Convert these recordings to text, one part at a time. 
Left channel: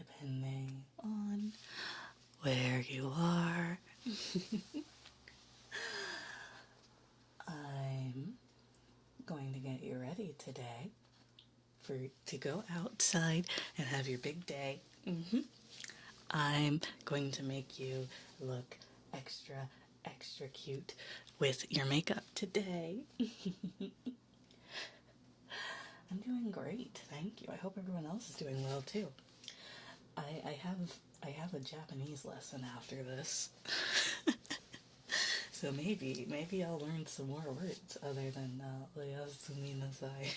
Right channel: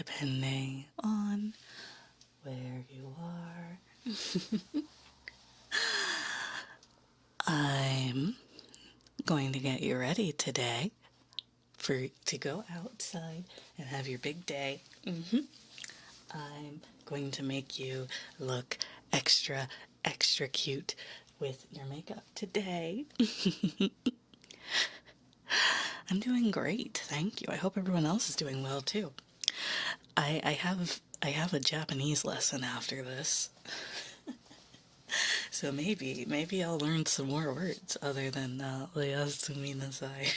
depending on where you are. I'm going to get you ready today to go outside and have your big day. I'm going to make you look extra cute with your makeup today. I'm doing great, thank you. I hope everyone else is doing well too. I have a Japanese lesson after this. So maybe I'll learn some more words other than oyasumi nasai.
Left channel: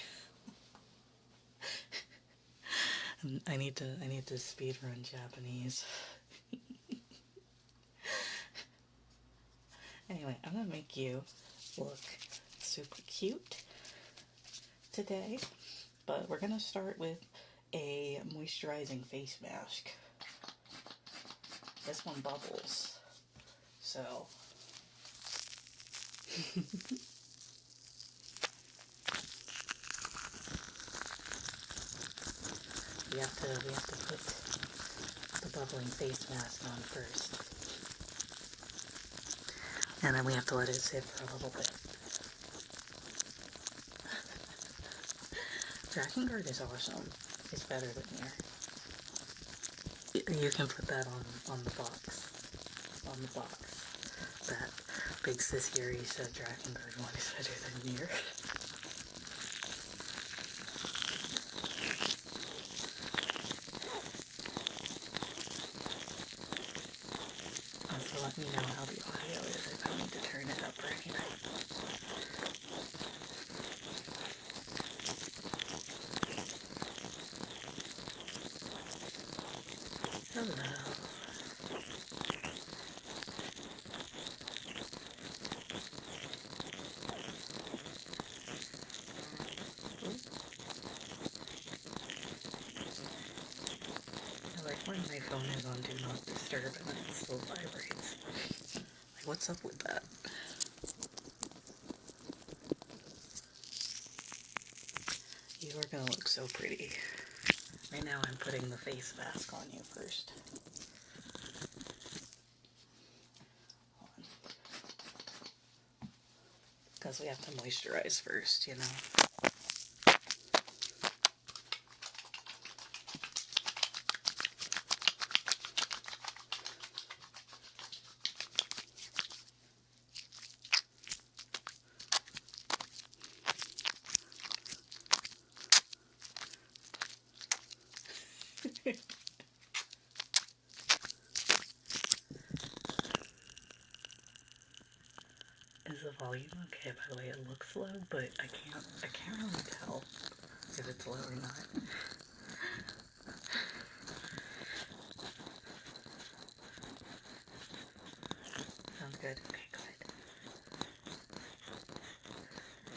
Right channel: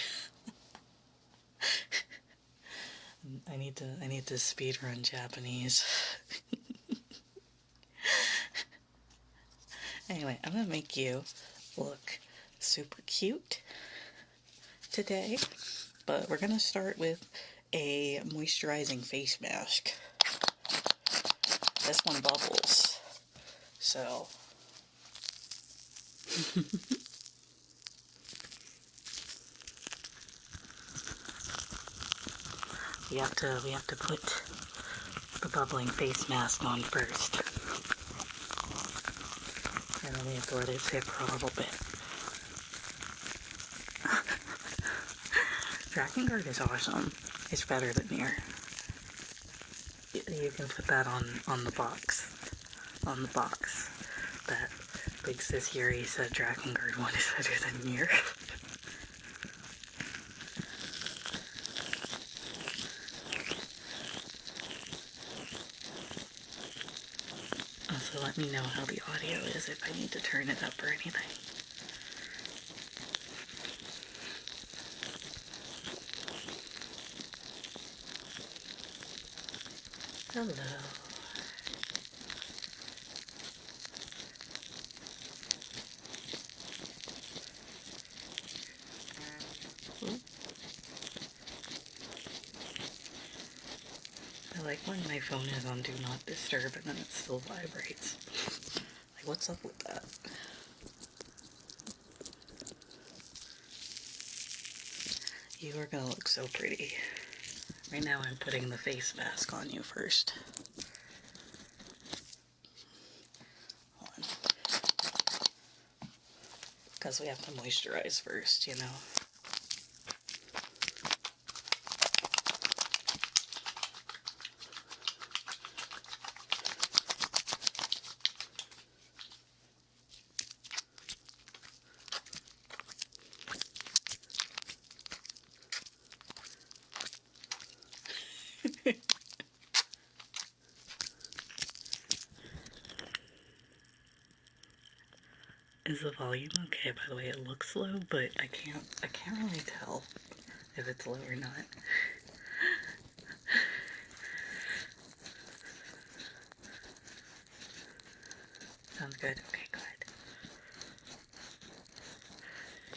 I need to speedrun Japanese. Anyway, I'm gonna make you look super cute today, but we're gonna start with a moisturizing face mask. This one bubbles, so we have to put the bubbling face mask on first, and then we have to let it sit for a little bit. ENGuard is awesome. It's better than Near. You can put that on the box. On the box. That big sis Yuri said ENGuard one is better than Near. Also, let me know how the audio is, if I need to turn it up or anything. Hello. I like when my phone is on Do Not Disturb and then it still vibrates. Like, what's up with that? You are gonna look so pretty. Right now I'm putting the face mask on you first. Because we have to moisturize first, you know. Is the volume okay? By the way, it looks low, but I can't really tell if it's low or not. Sounds good. Okay, good.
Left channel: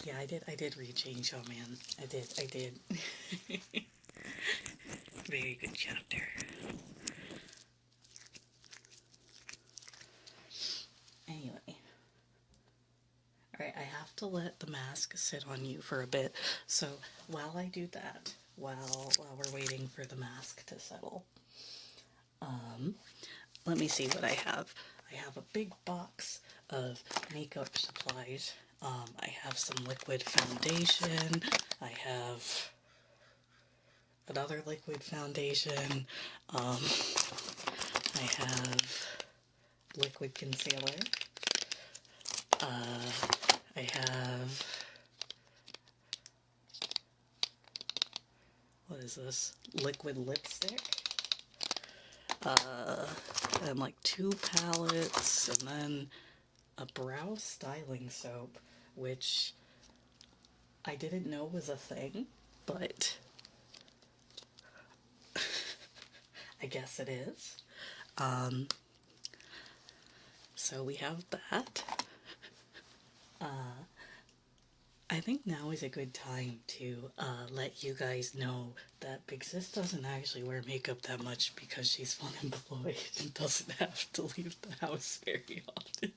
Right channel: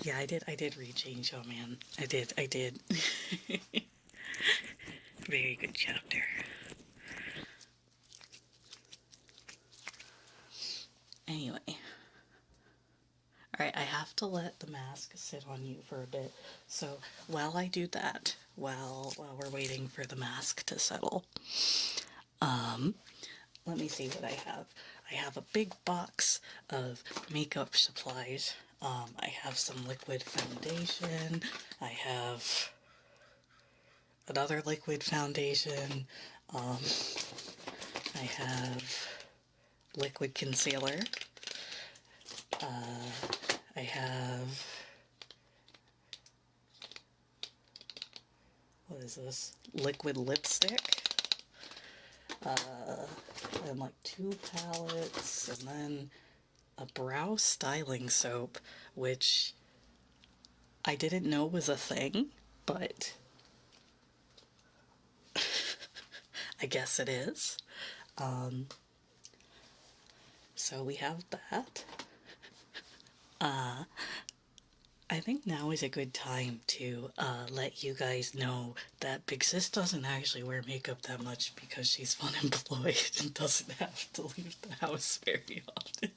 Yeah, I did read Chainsaw Man. I did. Very good chapter. Anyway. Alright, I have to let the mask sit on you for a bit, so while I do that, while we're waiting for the mask to settle, let me see what I have. I have a big box of makeup supplies. I have some liquid foundation, I have another liquid foundation, I have liquid concealer, I have, what is this? Liquid lipstick, and like 2 palettes, and then a brow styling soap, which I didn't know was a thing, but I guess it is. So we have that. I think now is a good time to let you guys know that Big Sis doesn't actually wear makeup that much because she's unemployed and doesn't have to leave the house very often.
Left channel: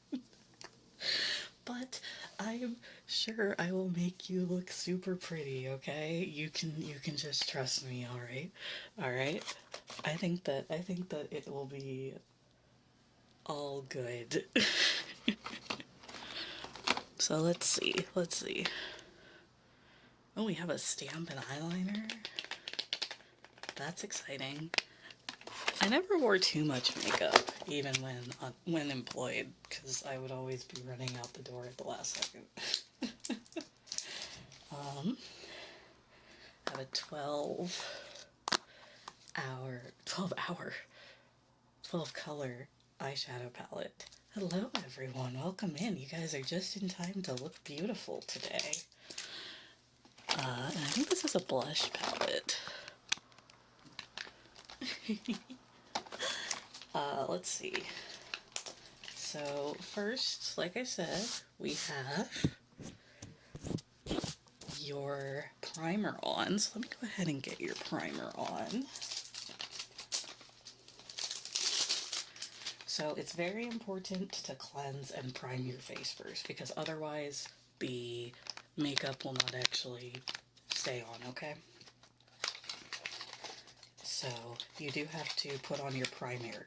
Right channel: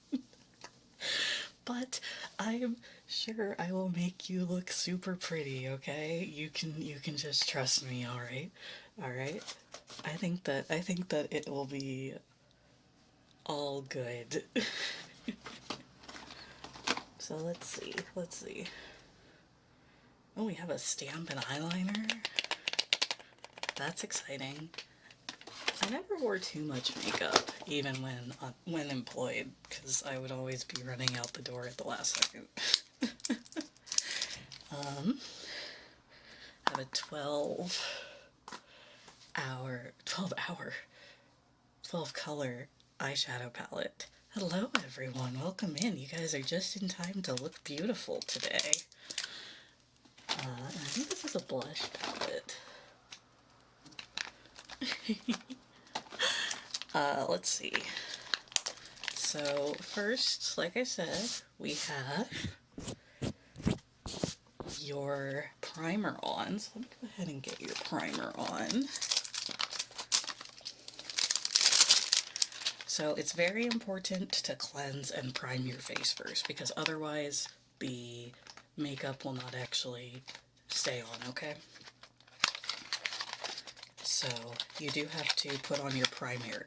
But I'm sure I will make you look super pretty, okay? You can just trust me, alright? Alright? I think that it will be all good. So let's see. Oh, we have a stamp and eyeliner. That's exciting. I never wore too much makeup, even when employed, because I would always be running out the door at the last second. I have a 12 color eyeshadow palette. Hello everyone, welcome in. You guys are just in time to look beautiful today. And I think this is a blush palette. Let's see. So first, like I said, we have your primer on. So let me go ahead and get your primer on. So it's very important to cleanse and prime your face first, because otherwise the makeup will not actually stay on, okay? So you do have to put on your primer.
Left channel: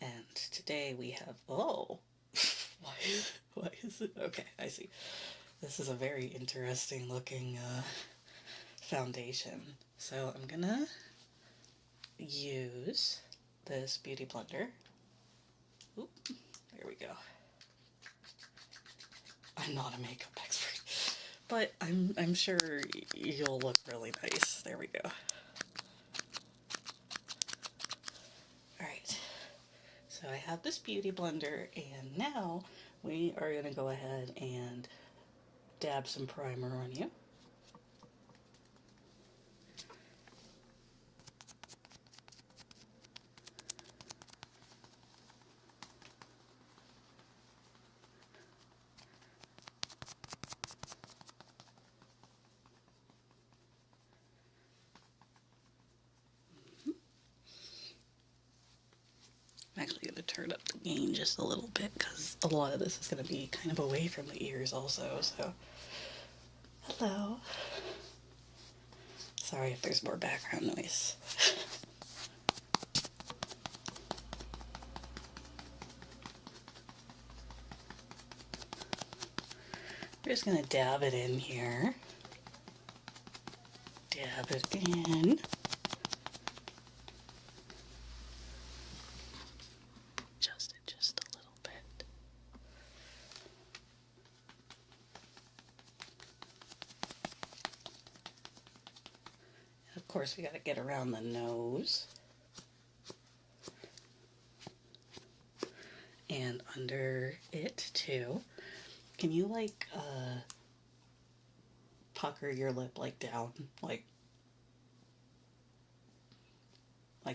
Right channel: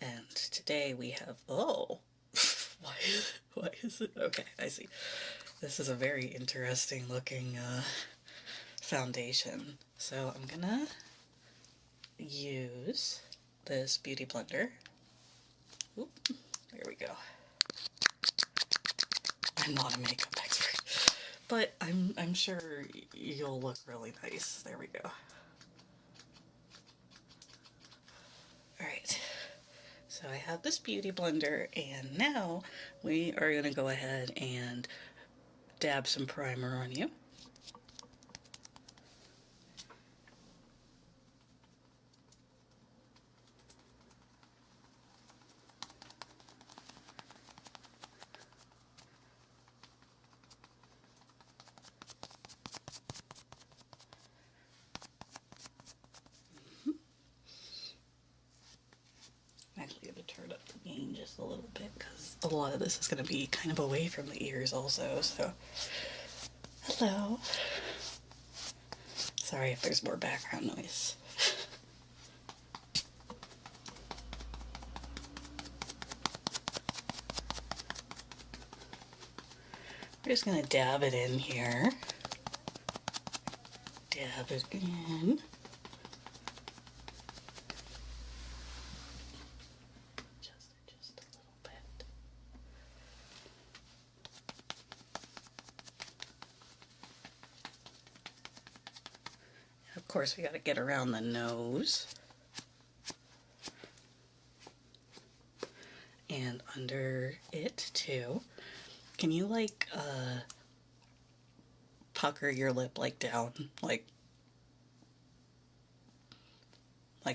And today we have, oh, why is it? Okay, I see. This is a very interesting looking foundation. So I'm gonna use this beauty blender. Oop, there we go. I'm not a makeup expert, but I'm sure you'll look really nice. There we go. Alright, so I have this beauty blender, and now we are going to go ahead and dab some primer on you. I'm actually going to turn up the gain just a little bit because a lot of this is going to be kind of away from the ears also, so hello. Sorry if there's more background noise. We're just going to dab it in here. Dab it in. Just a little bit. And of course, we got to get around the nose. And under it too. Can you like pucker your lip like down, like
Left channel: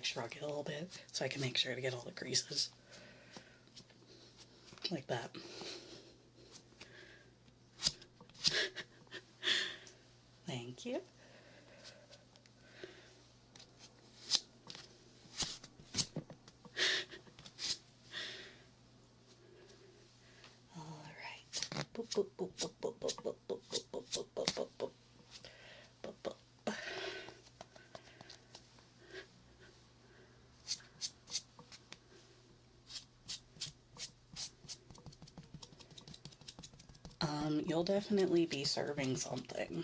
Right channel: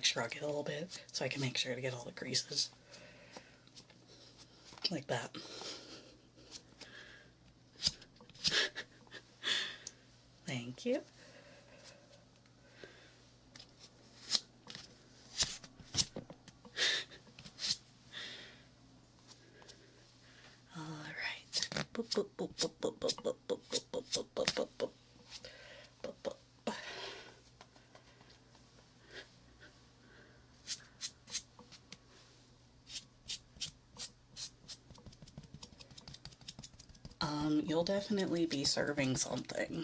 shrug it a little bit so I can make sure to get all the creases like that. Thank you. You'll definitely be serving something.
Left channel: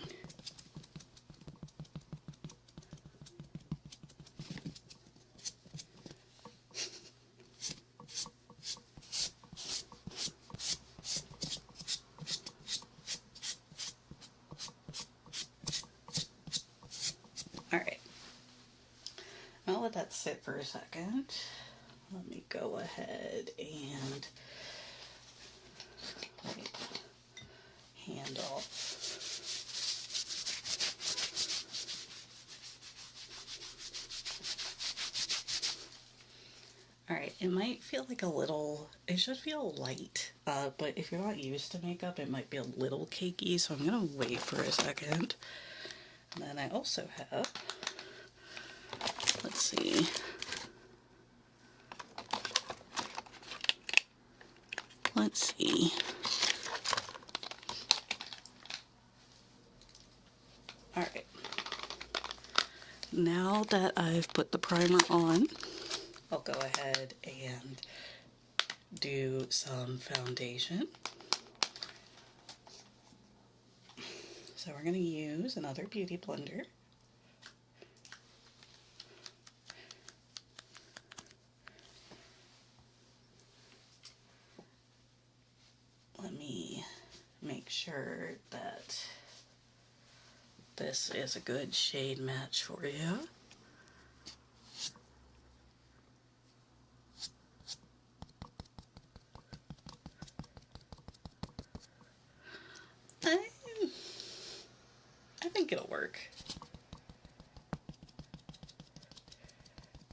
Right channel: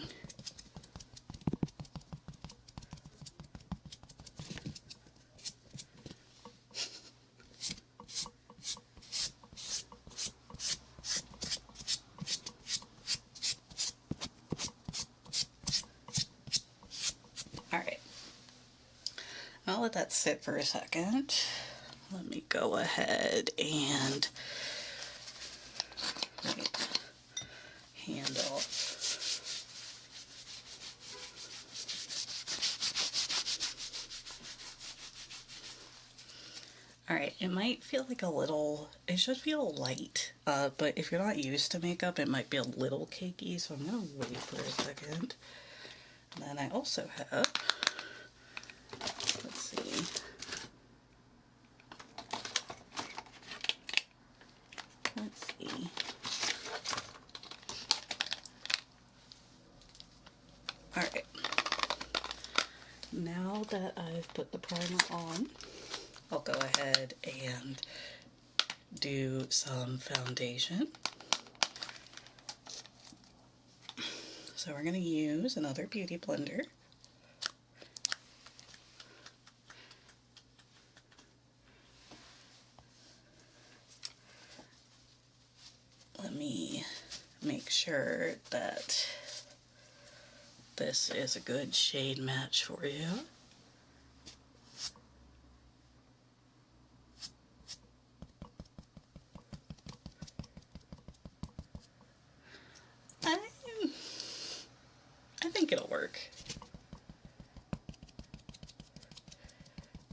Alright, I'll let that sit for a second. Let me go ahead and hand off. Alright, it might feel like a little, it should feel light, but if you're not used to makeup, it might be a little cakey, so I'm gonna wait for a second. And then I also have, let's see, Alright, now that I've put the primer on, I'll go ahead and do some foundation. So we're going to use another beauty blender. Let me make sure that this is a good shade match for you. I think it'll work.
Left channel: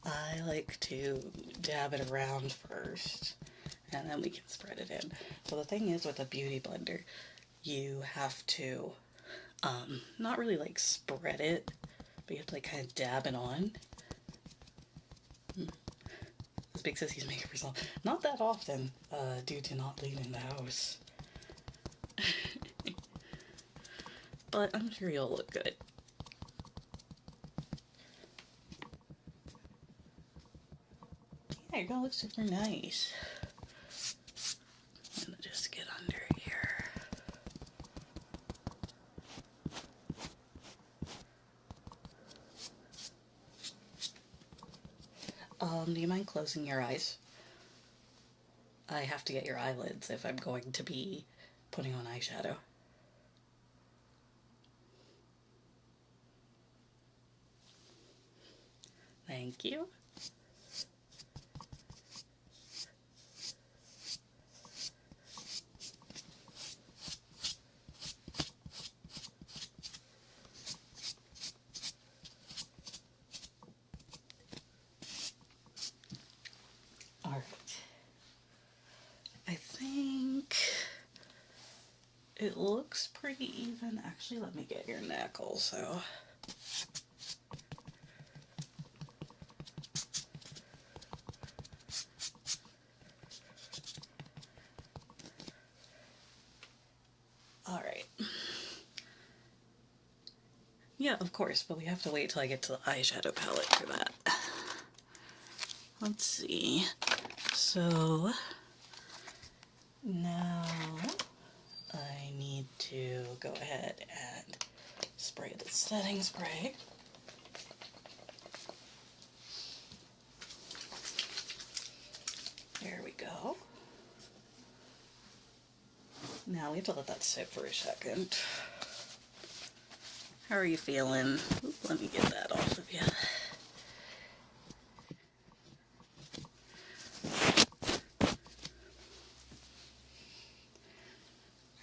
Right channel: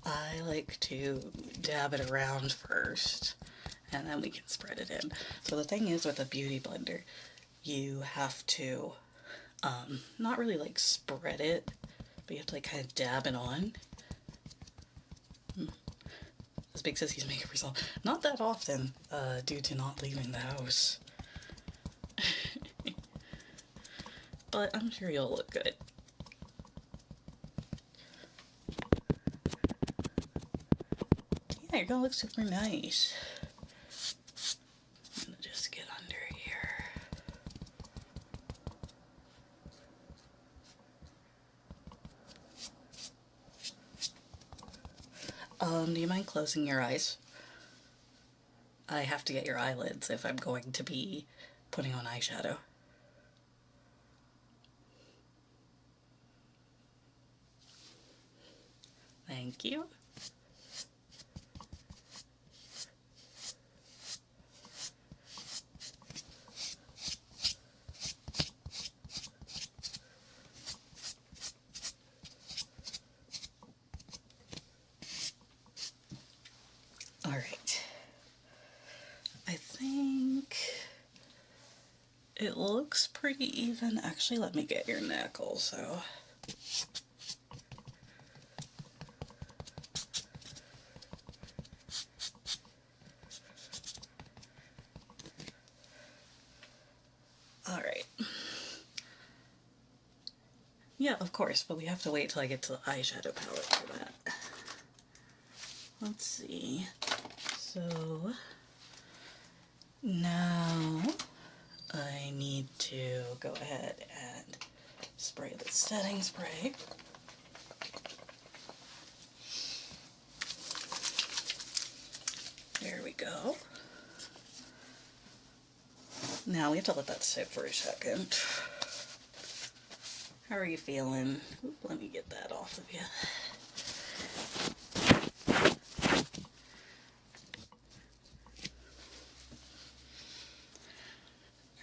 I like to dab it around first, and then we can spread it in. So the thing is, with a beauty blender, you have to not really like spread it, but you have to like kind of dab it on. This Big Sissy's makeup result. Not that often, due to not leaving the house. But I'm sure you'll look good. Yeah, you're gonna look super nice. I'm gonna just get under here. Do you mind closing your eyes? I have to get your eyelids if I'm going to be putting on eyeshadow. Thank you. All right. I think it looks pretty even. Actually, let me get your neck also. All right. Yeah, of course, but we have to wait till I get to the eyeshadow palette for that. Let's see. So now I need to go ahead and spray the setting spray. There we go. Now we have to let that sit for a second. How are you feeling? Oop, let me get that off of you.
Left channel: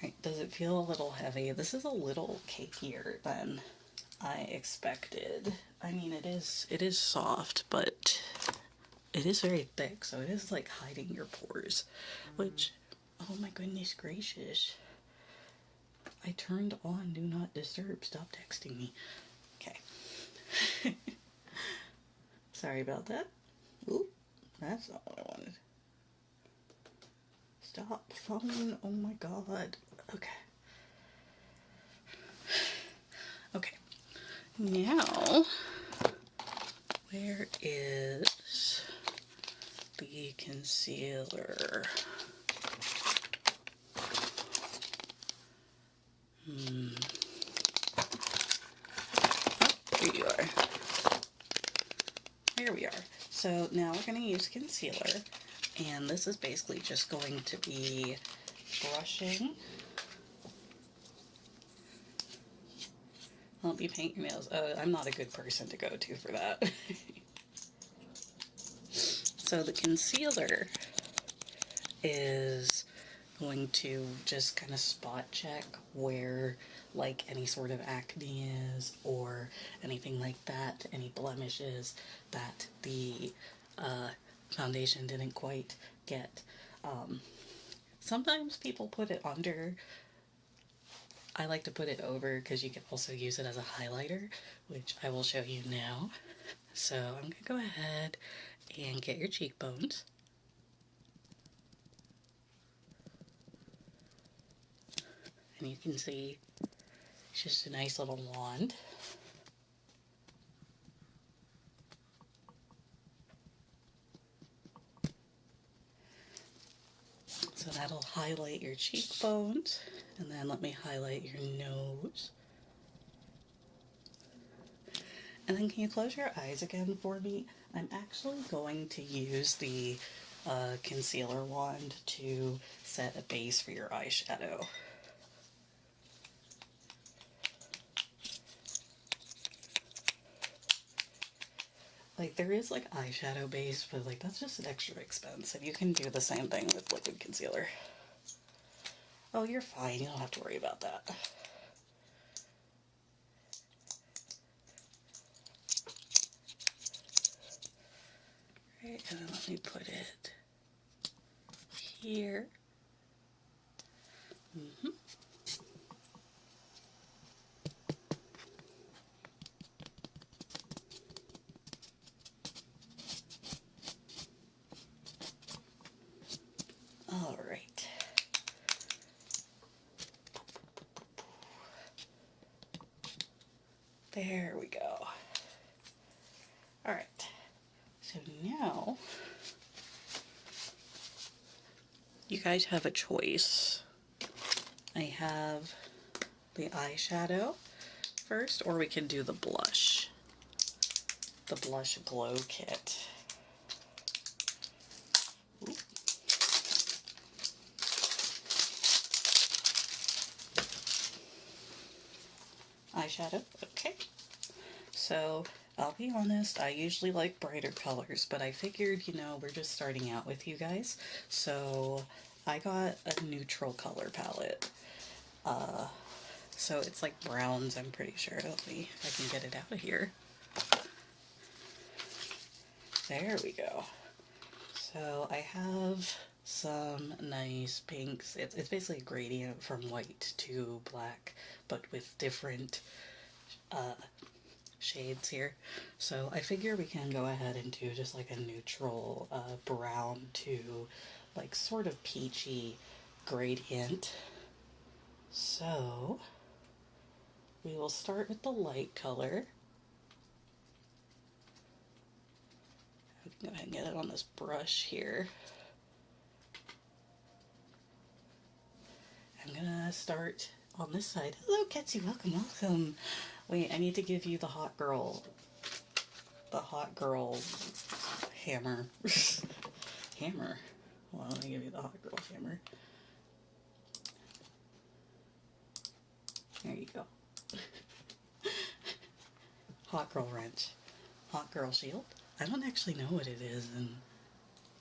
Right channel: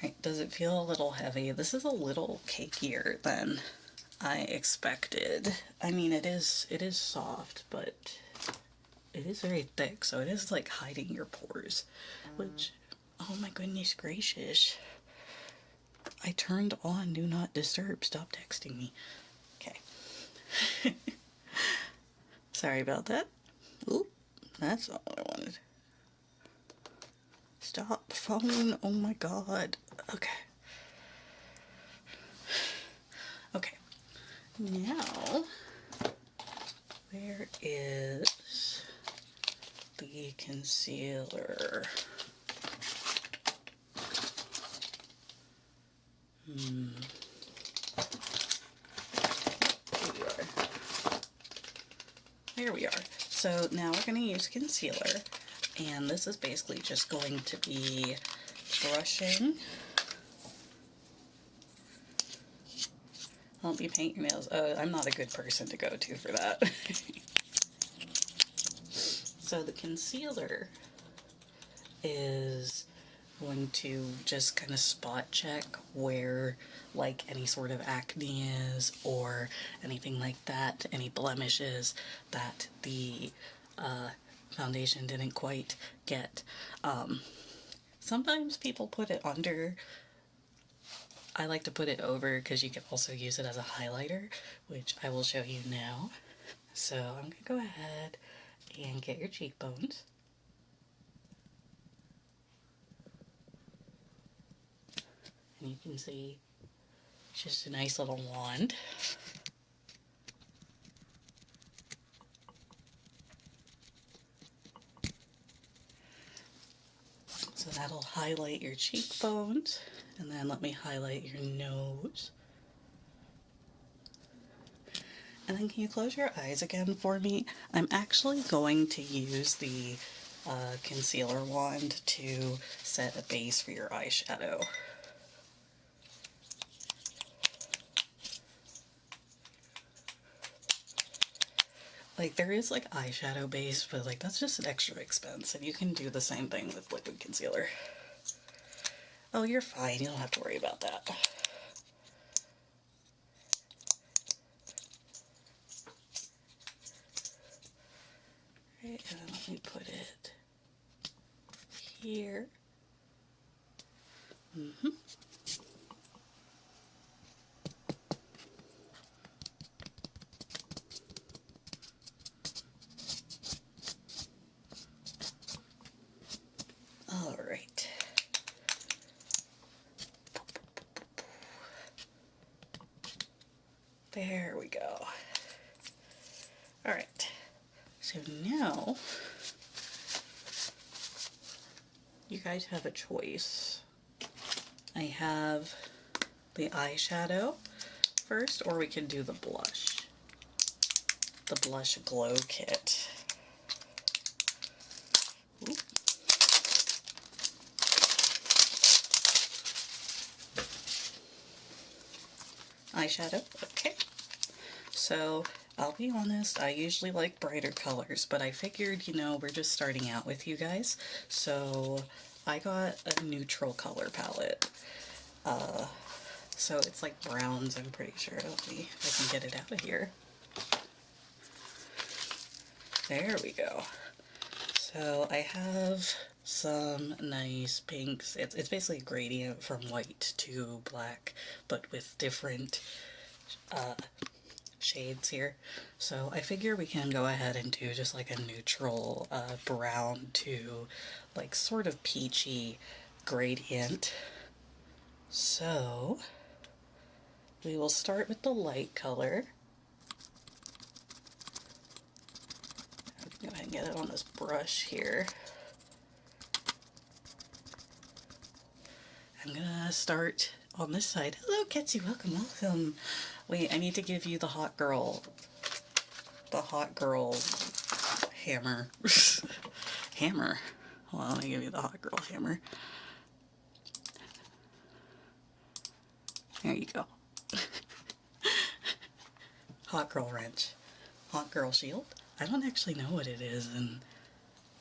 Alright, does it feel a little heavy? This is a little cakier than I expected. I mean, it is soft, but it is very thick, so it is like hiding your pores, which, oh my goodness gracious. I turned on Do Not Disturb. Stop texting me. Okay. Sorry about that. Oop, that's all I wanted. Stop phone. Oh my god. Okay. Okay. Now, where is the concealer? Here you are. There we are. So now we're going to use concealer, and this is basically just going to be brushing. Help you paint your nails. I'm not a good person to go to for that. So the concealer is going to just kind of spot check where like any sort of acne is or anything like that, any blemishes that the foundation didn't quite get. Sometimes people put it under. I like to put it over because you can also use it as a highlighter, which I will show you now. So I'm gonna go ahead and get your cheekbones. And you can see it's just a nice little wand. that'll highlight your cheekbones. And then let me highlight your nose. And then can you close your eyes again for me? I'm actually going to use the concealer wand to set a base for your eyeshadow. Like, there is like eyeshadow base, but like that's just an extra expense, and you can do the same thing with liquid concealer. Oh, you're fine. You don't have to worry about that. Right, and then let me put it here. All right. There we go. All right. So now you guys have a choice. I have the eyeshadow first, or we can do the blush glow kit. Ooh. Eyeshadow, okay. So I'll be honest, I usually like brighter colors, but I figured, you know, we're just starting out with you guys. So I got a neutral color palette. So it's like browns, I'm pretty sure. Let me, if I can get it out of here. There we go. So I have some nice pinks. It's basically a gradient from white to black, but with different shades here. So I figure we can go ahead and do just like a neutral brown to like sort of peachy gradient. So we will start with the light color. Go ahead and get it on this brush here. I'm gonna start on this side. Hello, Ketsy, welcome, welcome. Wait, I need to give you the hot girl hammer. Hammer. Well, let me give you the hot girl hammer. There you go. Hot girl wrench. Hot girl shield. I don't actually know what it is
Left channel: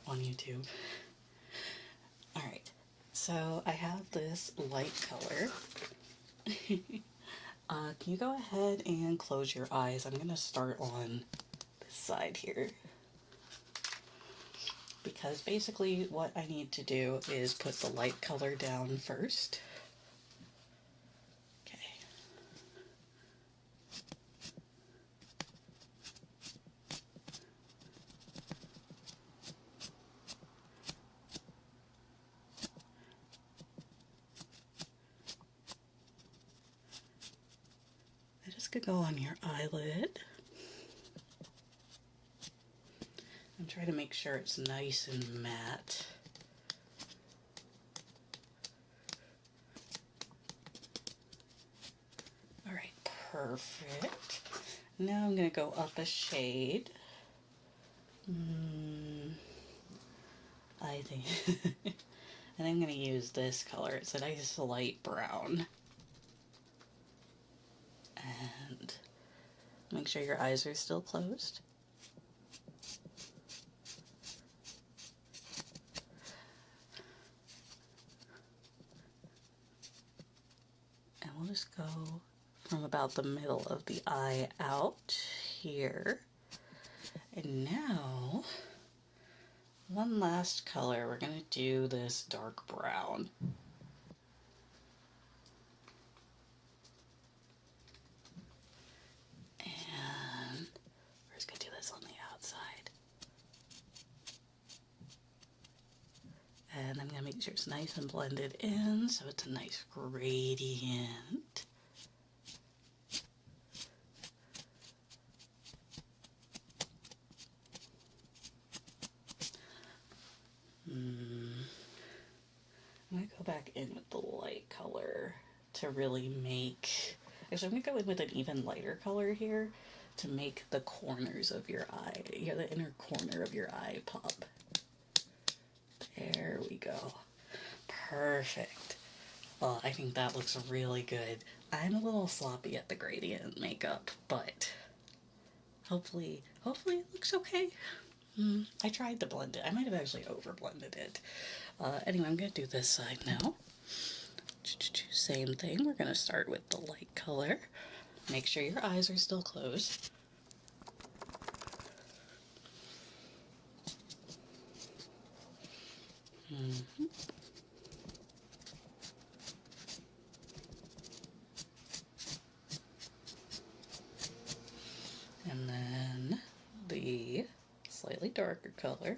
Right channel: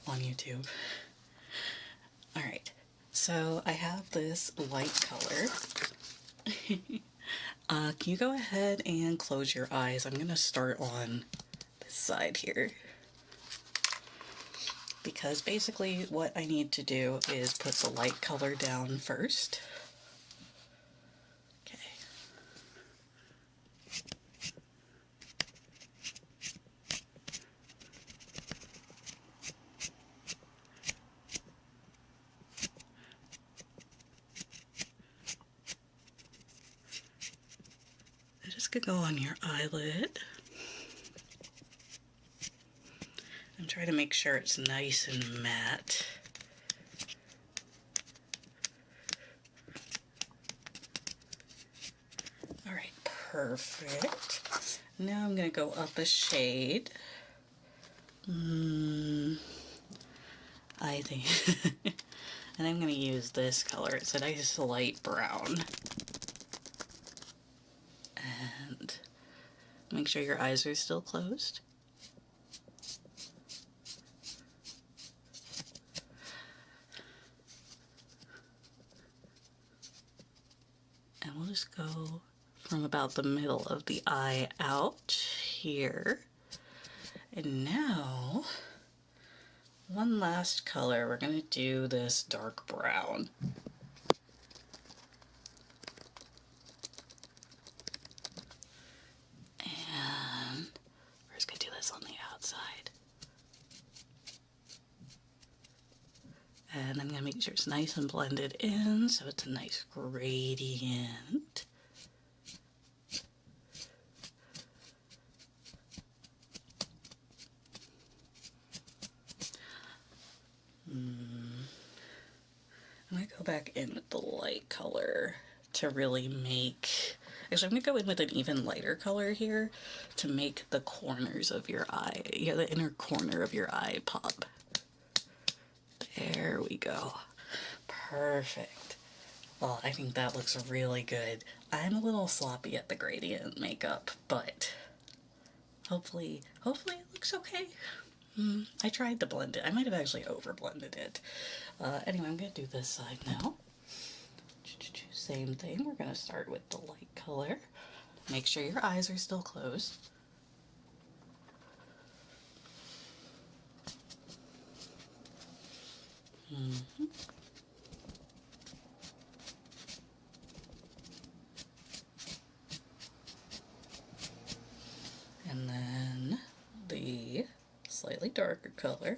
on YouTube. Alright, so I have this light color. Can you go ahead and close your eyes? I'm going to start on this side here. Because basically what I need to do is put the light color down first. Okay. This could go on your eyelid. I'm trying to make sure it's nice and matte. Alright, perfect. Now I'm going to go up a shade. I think and I'm going to use this color. It's a nice light brown. And make sure your eyes are still closed. And we'll just go from about the middle of the eye out here. And now, one last color. We're going to do this dark brown. And we're just going to do this on the outside. And I'm going to make sure it's nice and blended in, so it's a nice gradient. back in with the light color to really make... Actually, I'm going to go in with an even lighter color here to make the corners of your eye, yeah, the inner corner of your eye pop. There we go. Perfect. Oh, I think that looks really good. I'm a little sloppy at the gradient makeup, but hopefully it looks okay. I tried to blend it. I might have actually over blended it. Anyway, I'm going to do this side now. Same thing. We're going to start with the light color. Make sure your eyes are still closed. And then the slightly darker color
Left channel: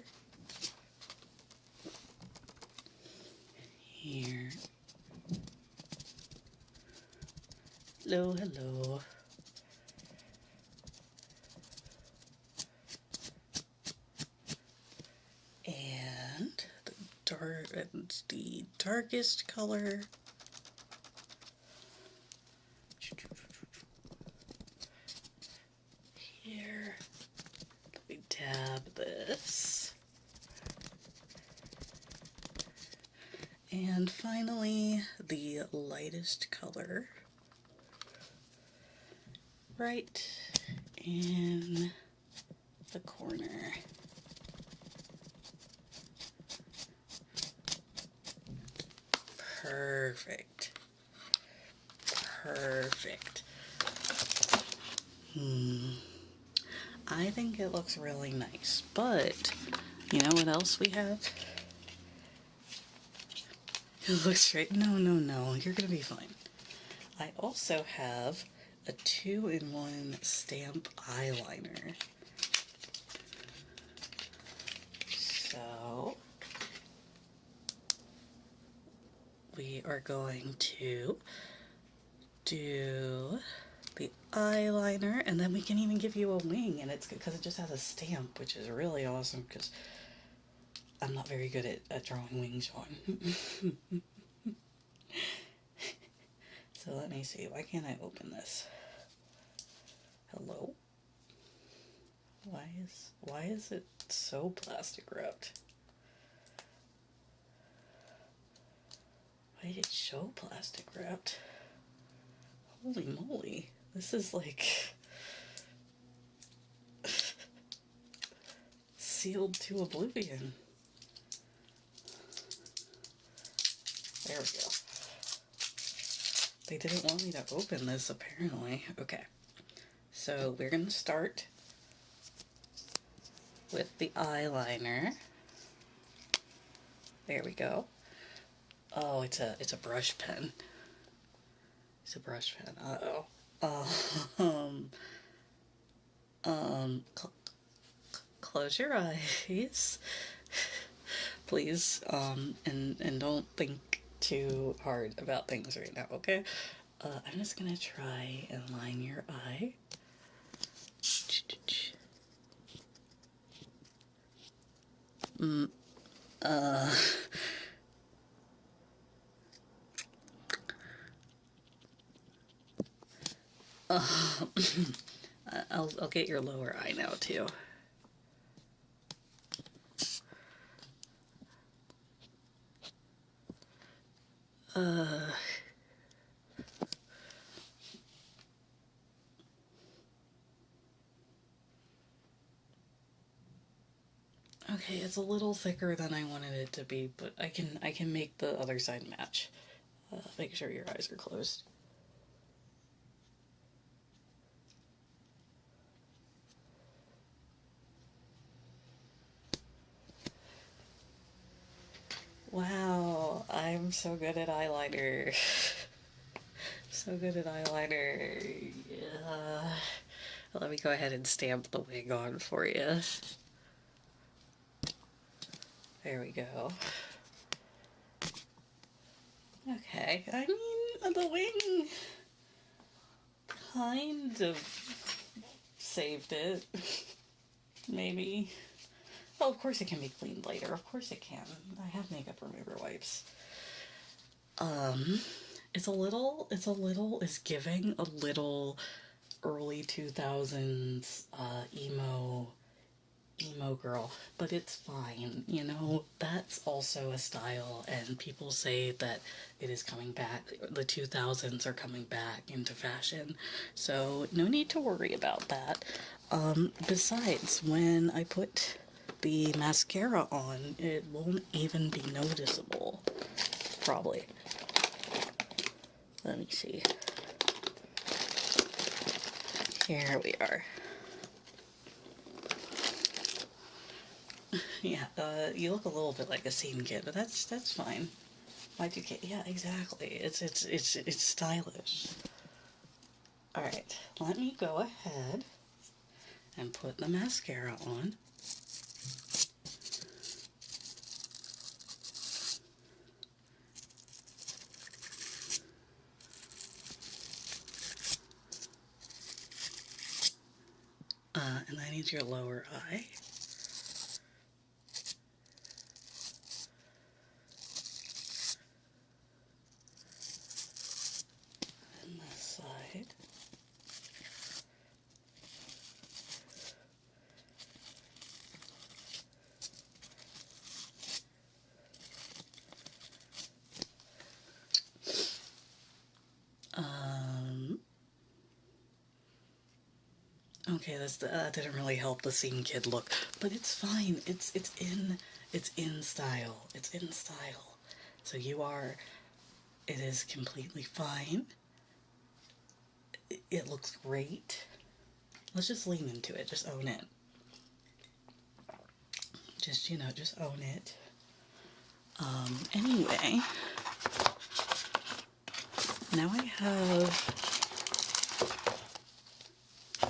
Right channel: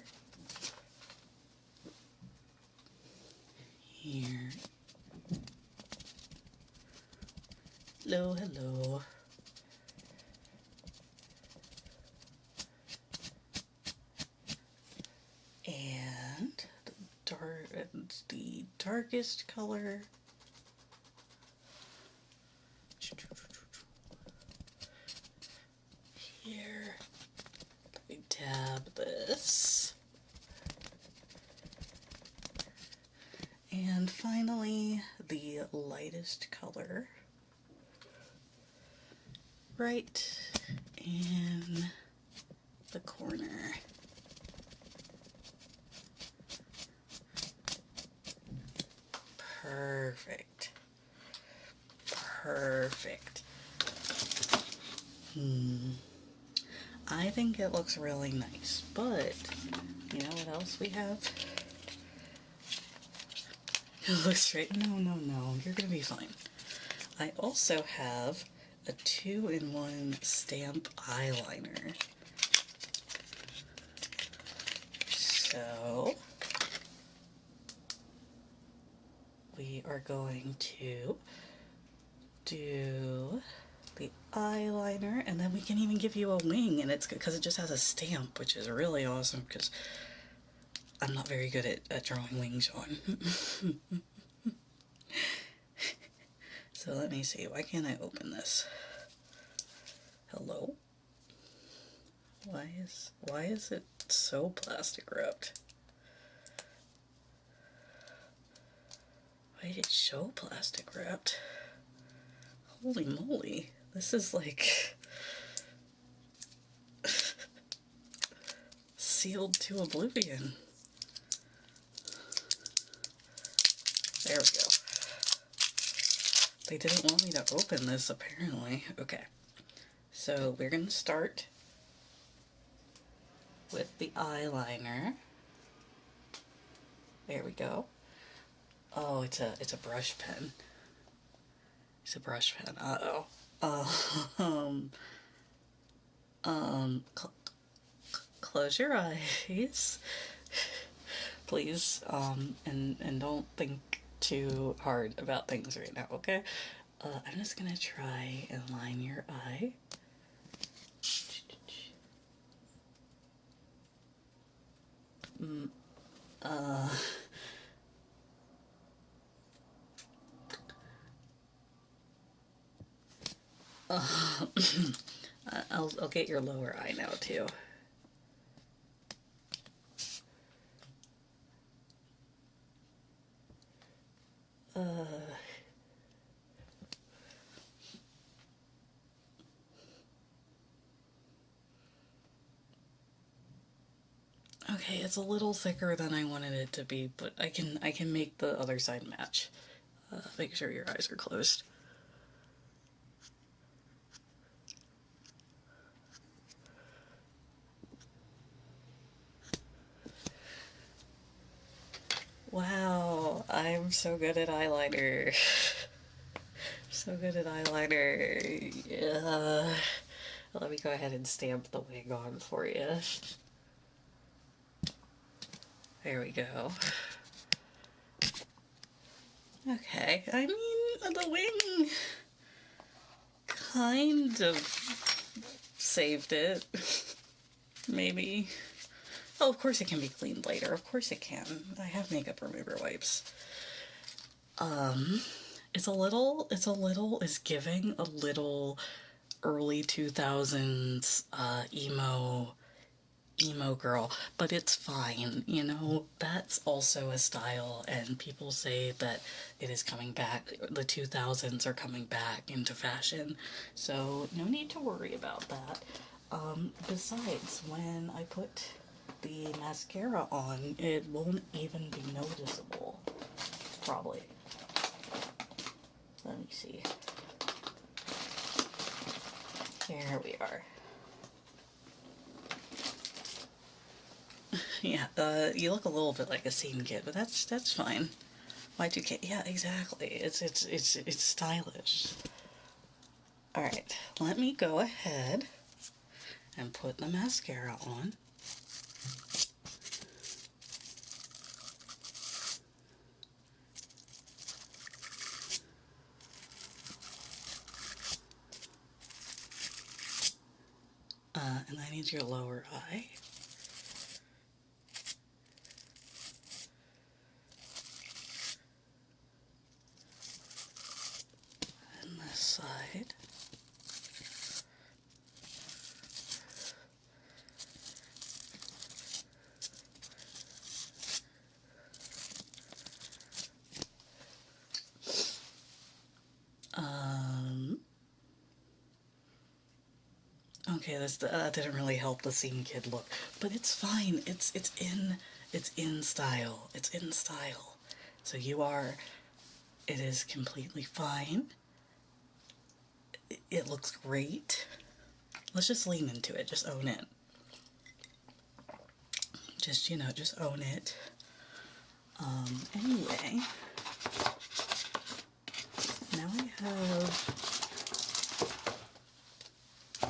here. Hello, hello. And the darkest color. Here. We dab this. And finally, the lightest color. Right in the corner. Perfect. Perfect. I think it looks really nice, but you know what else we have? It looks straight. No, you're gonna be fine. I also have a 2-in-1 stamp eyeliner. So we are going to do the eyeliner, and then we can even give you a wing, and it's good because it just has a stamp, which is really awesome because I'm not very good at drawing wings on. So let me see, why can't I open this? Hello? Why is it so plastic wrapped? Why is it so plastic wrapped? Holy moly, this is like sealed to oblivion. There we go. They didn't want me to open this, apparently. Okay, so we're gonna start with the eyeliner. There we go. Oh, it's a brush pen. It's a brush pen. Close your eyes, please. And don't think too hard about things right now, okay? I'm just gonna try and line your eye. I'll get your lower eye now too. Okay, it's a little thicker than I wanted it to be, but I can make the other side match. Make sure your eyes are closed. Wow, I'm so good at eyeliner. So good at eyeliner. Yeah. Let me go ahead and stamp the wing on for you. There we go. Okay, I mean, the wing kind of saved it. Maybe. Oh, of course it can be cleaned later. Of course it can. I have makeup remover wipes. It's giving a little early 2000s emo girl, but it's fine, you know. That's also a style, and people say that it is coming back. The 2000s are coming back into fashion, so no need to worry about that. Besides, when I put the mascara on, it won't even be noticeable, probably. Let me see. Here we are. Yeah, you look a little bit like a scene kid, but that's fine. Y2K, yeah, exactly. It's stylish. All right, let me go ahead and put the mascara on. And I need your lower eye. And this side. Okay, that didn't really help the scene kid look, but it's fine. It's in style. It's in style. So it is completely fine. It looks great. Let's just lean into it. Just own it. Just, just own it. Anyway, now I have...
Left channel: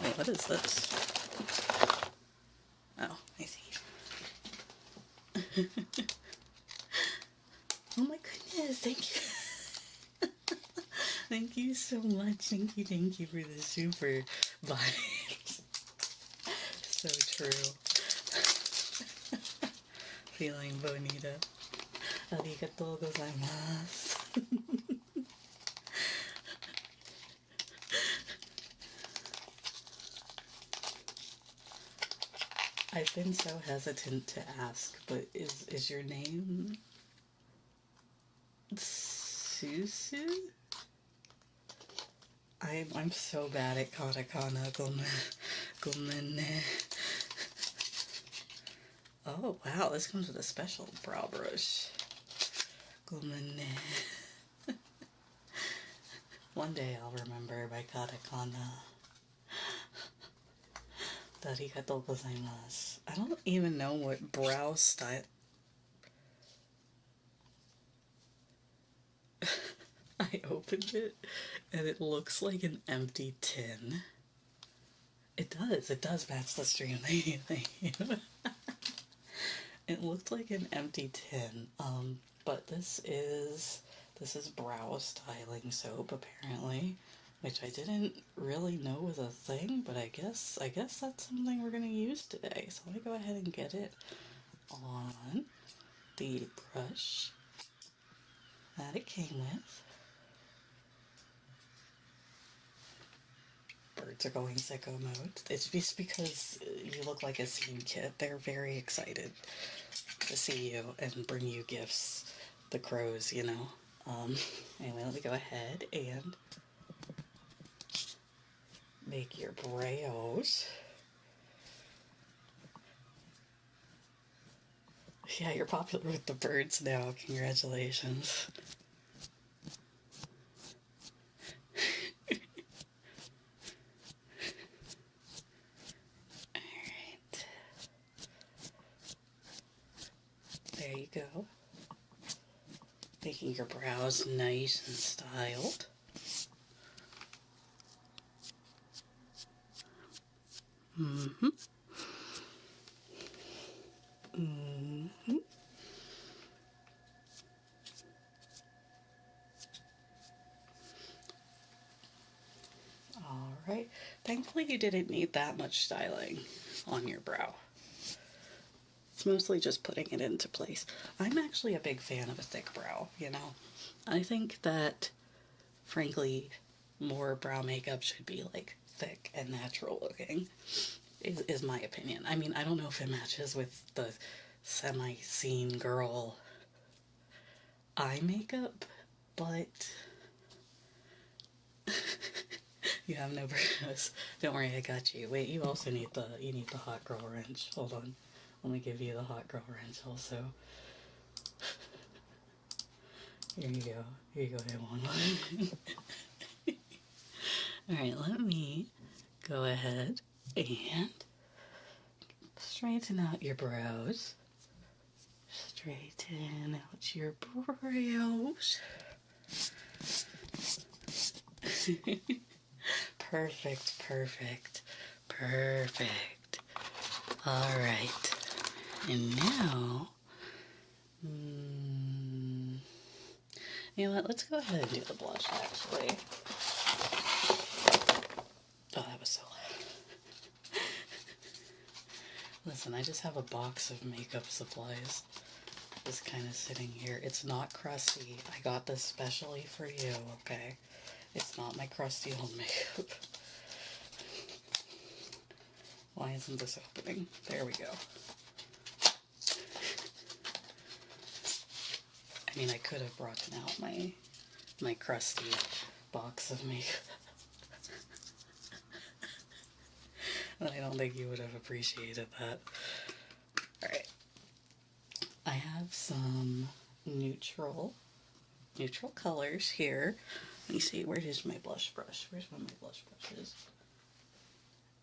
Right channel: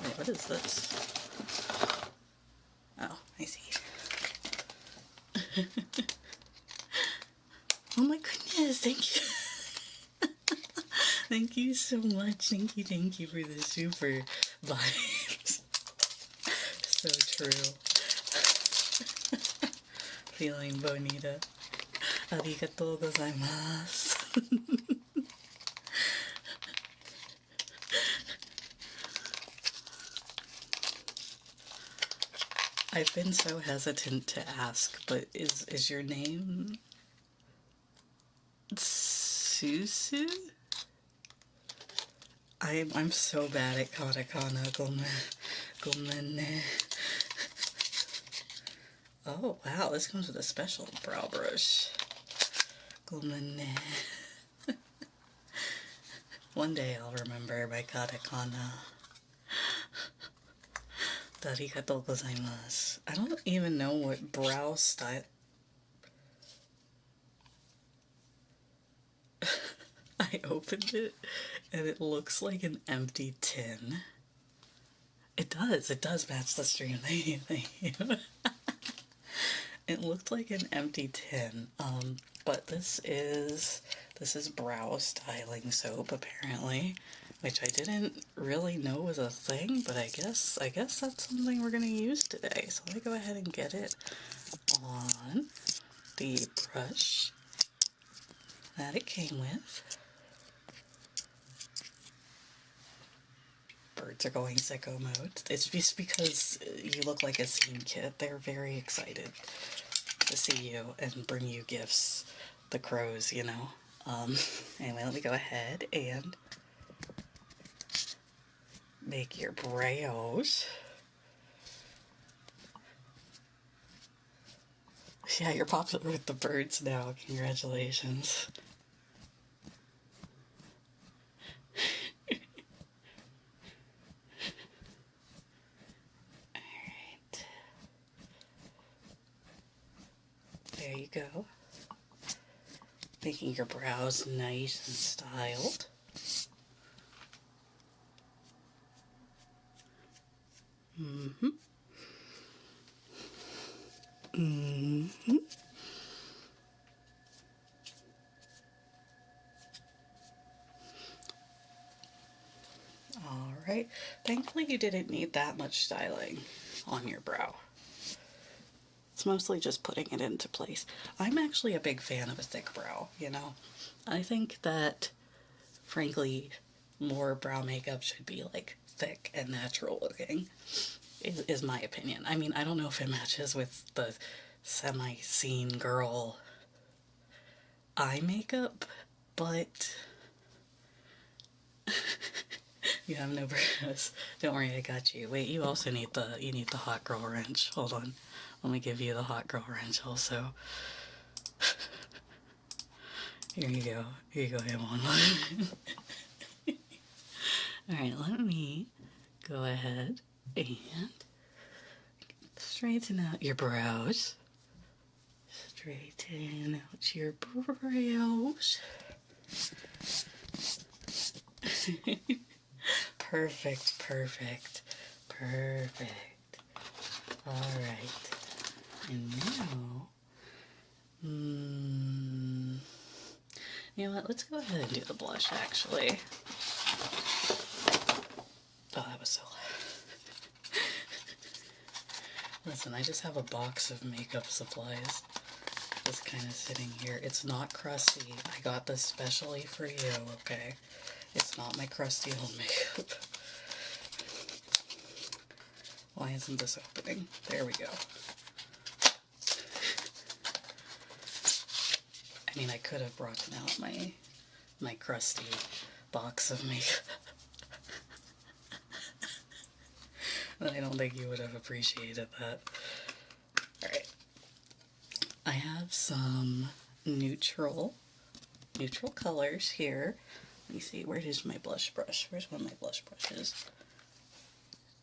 Wait, what is this? Oh, I see. Oh my goodness, thank you. Thank you so much. Thank you for the super vibes. So true. Feeling bonita. Arigatou gozaimasu. I've been so hesitant to ask, but is your name Susu? I'm so bad at katakana. Gomen. Oh wow, this comes with a special brow brush. Gomen. One day I'll remember my katakana. Arigatou gozaimasu. I don't even know what brow style. I opened it and it looks like an empty tin. It does match the stream. Thank you. It looked like an empty tin. But this is brow styling soap apparently, which I didn't really know was a thing, but I guess that's something we're gonna use today. So let me go ahead and get it on the brush that it came with. Birds are going sicko mode. It's just because you look like a scene kid. They're very excited to see you and bring you gifts. The crows, you know. Anyway, let me go ahead and make your brows. Yeah, you're popular with the birds now. Congratulations. Alright. There you go. Making your brows nice and styled. Mm-hmm. Mm-hmm. All right. Thankfully, you didn't need that much styling on your brow. It's mostly just putting it into place. I'm actually a big fan of a thick brow, you know. I think that, frankly, more brow makeup should be like thick and natural looking, is my opinion. I mean, I don't know if it matches with the semi-scene girl eye makeup, but you have no brows. Don't worry, I got you. Wait, you also need the hot girl wrench. Hold on. Let me give you the hot girl wrench also. Here you go. Here you go, Hamon. Alright, let me go ahead and straighten out your brows. Straighten out your brows. Perfect, perfect, perfect. Alright. And now, you know what, let's go ahead and do the blush, actually. Oh, that was so loud. Listen, I just have a box of makeup supplies just kind of sitting here. It's not crusty. I got this specially for you, okay? It's not my crusty old makeup. Why isn't this opening? There we go. I mean, I could have brought out my crusty box of makeup. But I don't think you would have appreciated that. Alright. I have some neutral colors here. Let me see, where is my blush brush? Where's one of my blush brushes?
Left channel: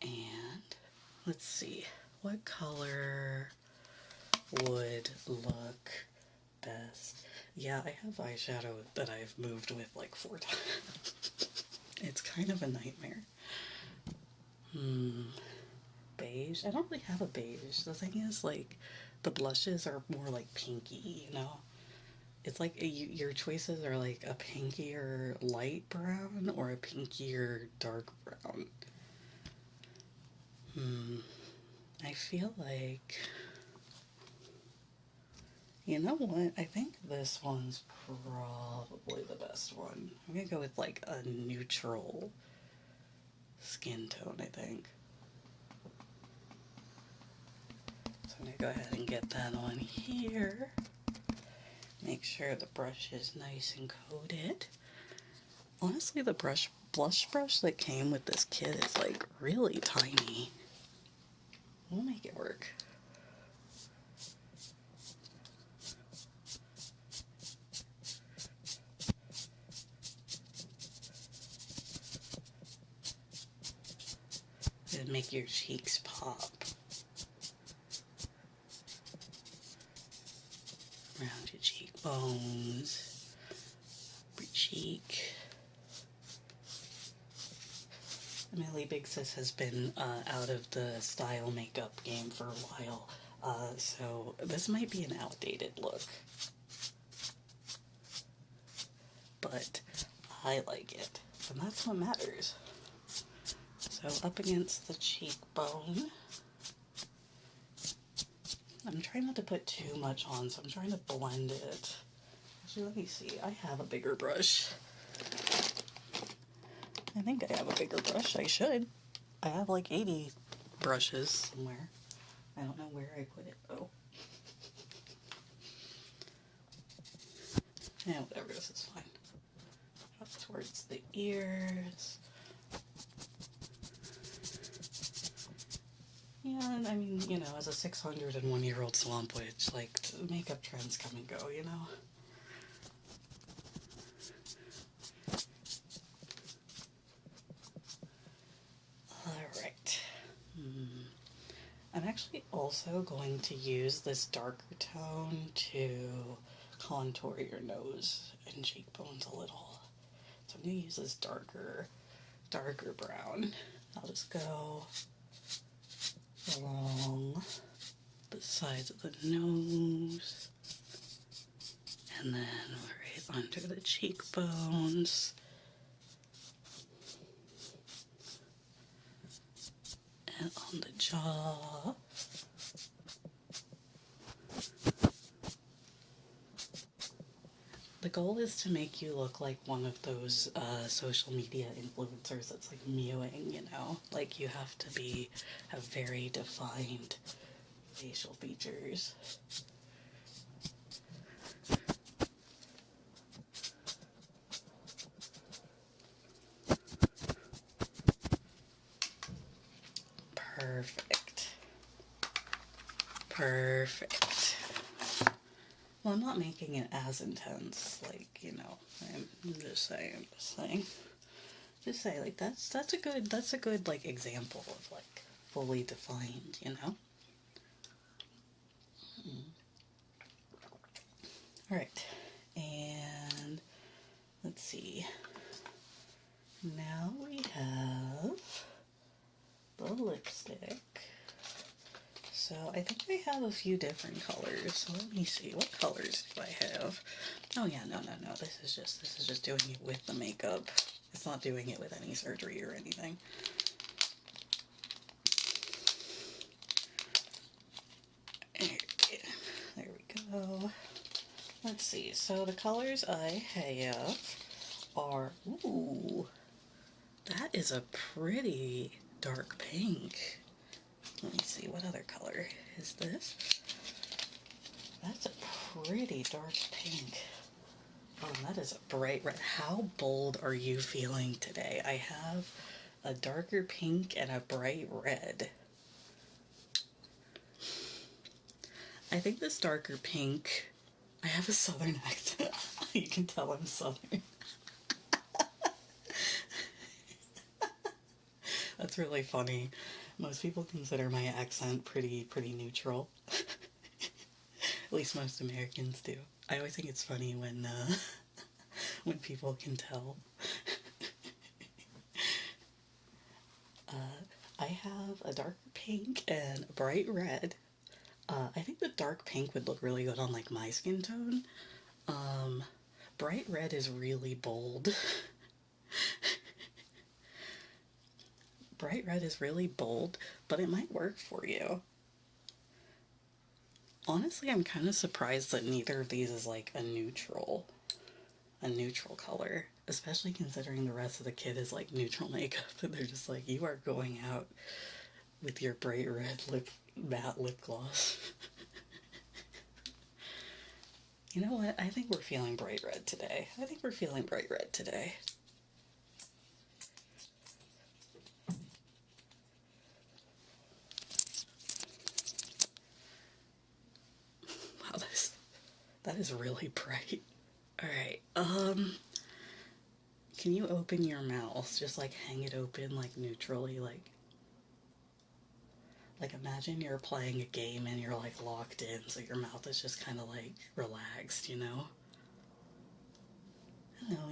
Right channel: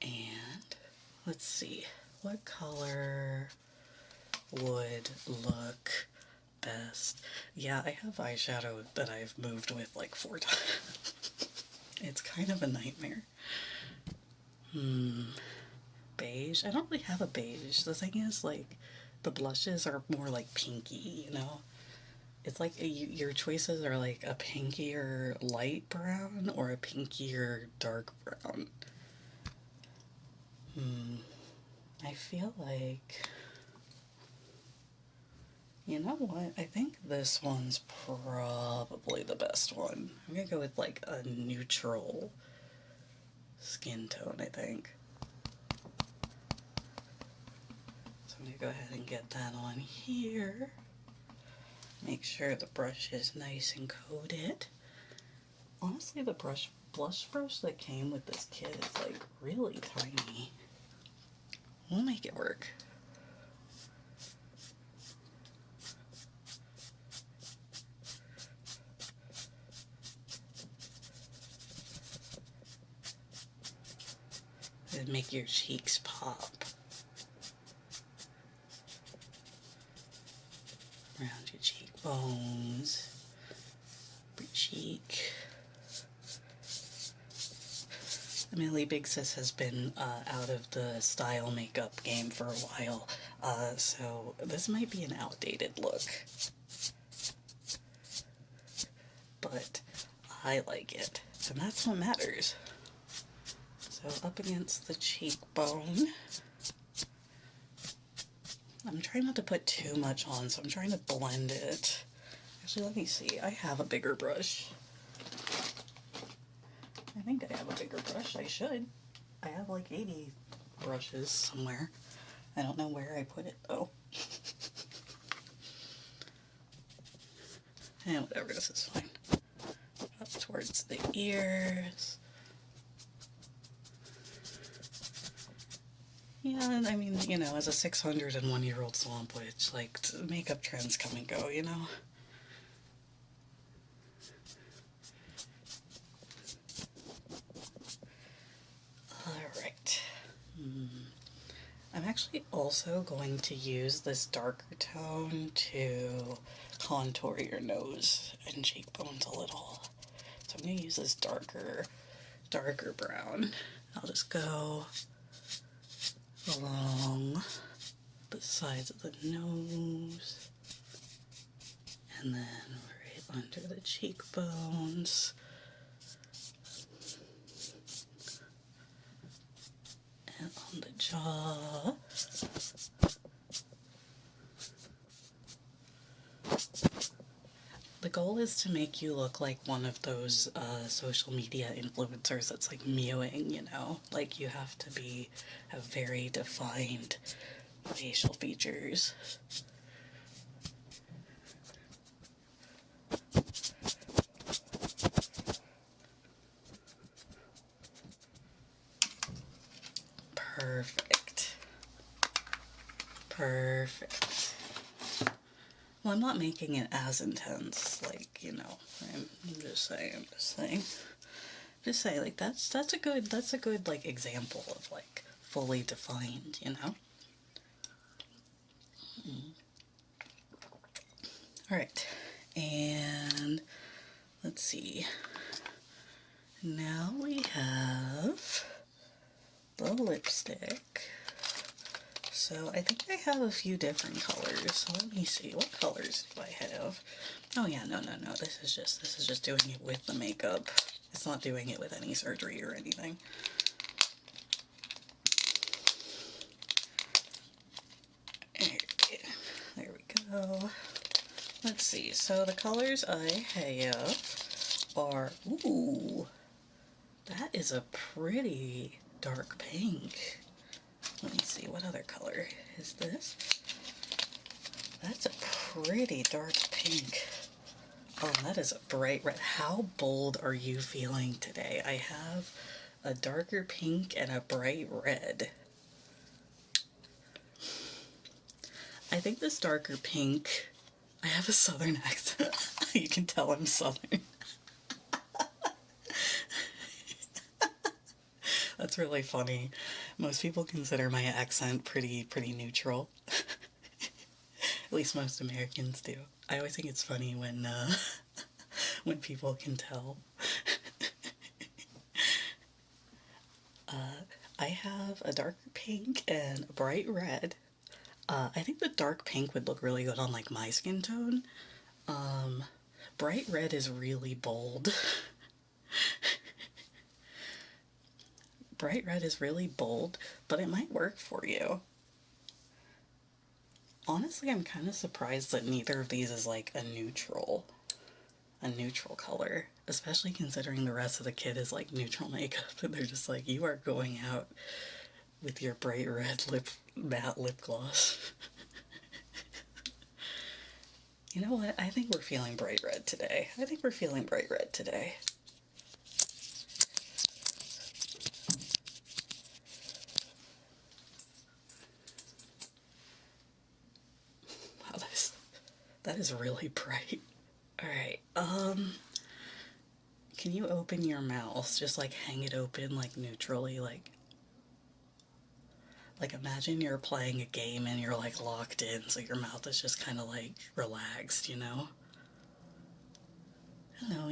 And let's see, what color would look best? Yeah, I have eyeshadow that I've moved with like 4 times. It's kind of a nightmare. Beige? I don't really have a beige. The thing is, like, the blushes are more like pinky, you know? It's like your choices are like a pinkier light brown or a pinkier dark brown. I feel like, you know what? I think this one's probably the best one. I'm gonna go with like a neutral skin tone, I think. So I'm gonna go ahead and get that on here. Make sure the brush is nice and coated. Honestly, the blush brush that came with this kit is like really tiny. We'll make it work. It'll make your cheeks pop. Around your cheekbones, your cheek. Emily Big Sis has been out of the style makeup game for a while, so this might be an outdated look. But I like it, and that's what matters. So up against the cheekbone. I'm trying not to put too much on, so I'm trying to blend it. Actually, let me see. I have a bigger brush. I think I have a bigger brush. I should. I have like 80 brushes somewhere. I don't know where I put it, though. And whatever, this is fine. Up towards the ears. Yeah, I mean, you know, as a 601-year-old swamp witch, like, makeup trends come and go, you know? Alright. I'm actually also going to use this darker tone to contour your nose and cheekbones a little. So I'm going to use this darker brown. I'll just go along the sides of the nose, and then right under the cheekbones, and on the jaw, goal is to make you look like one of those social media influencers that's like mewing, you know? Like you have to have very defined facial features. Perfect. Perfect. Well, I'm not making it as intense, like, you know, I'm just saying, like, that's a good, like, example of, like, fully defined, you know? All right, and let's see. Now we have the lipstick. So I think I have a few different colors. So let me see, what colors do I have? Oh yeah, no. This is just doing it with the makeup. It's not doing it with any surgery or anything. There we go. Let's see. So the colors I have are, ooh, that is a pretty dark pink. Let me see, what other color is this? That's a pretty dark pink. Oh, that is a bright red. How bold are you feeling today? I have a darker pink and a bright red. I think this darker pink, I have a southern accent. You can tell I'm southern. That's really funny. Most people consider my accent pretty neutral. At least most Americans do. I always think it's funny when when people can tell. I have a darker pink and a bright red. I think the dark pink would look really good on like my skin tone. Bright red is really bold. Bright red is really bold, but it might work for you. Honestly, I'm kind of surprised that neither of these is like a neutral color, especially considering the rest of the kit is like neutral makeup, and they're just like, you are going out with your bright red matte lip gloss. You know what? I think we're feeling bright red today. Wow, that is really bright. Alright, can you open your mouth? Just like hang it open, like neutrally, like imagine you're playing a game and you're like locked in, so your mouth is just kind of like relaxed, you know? Hello.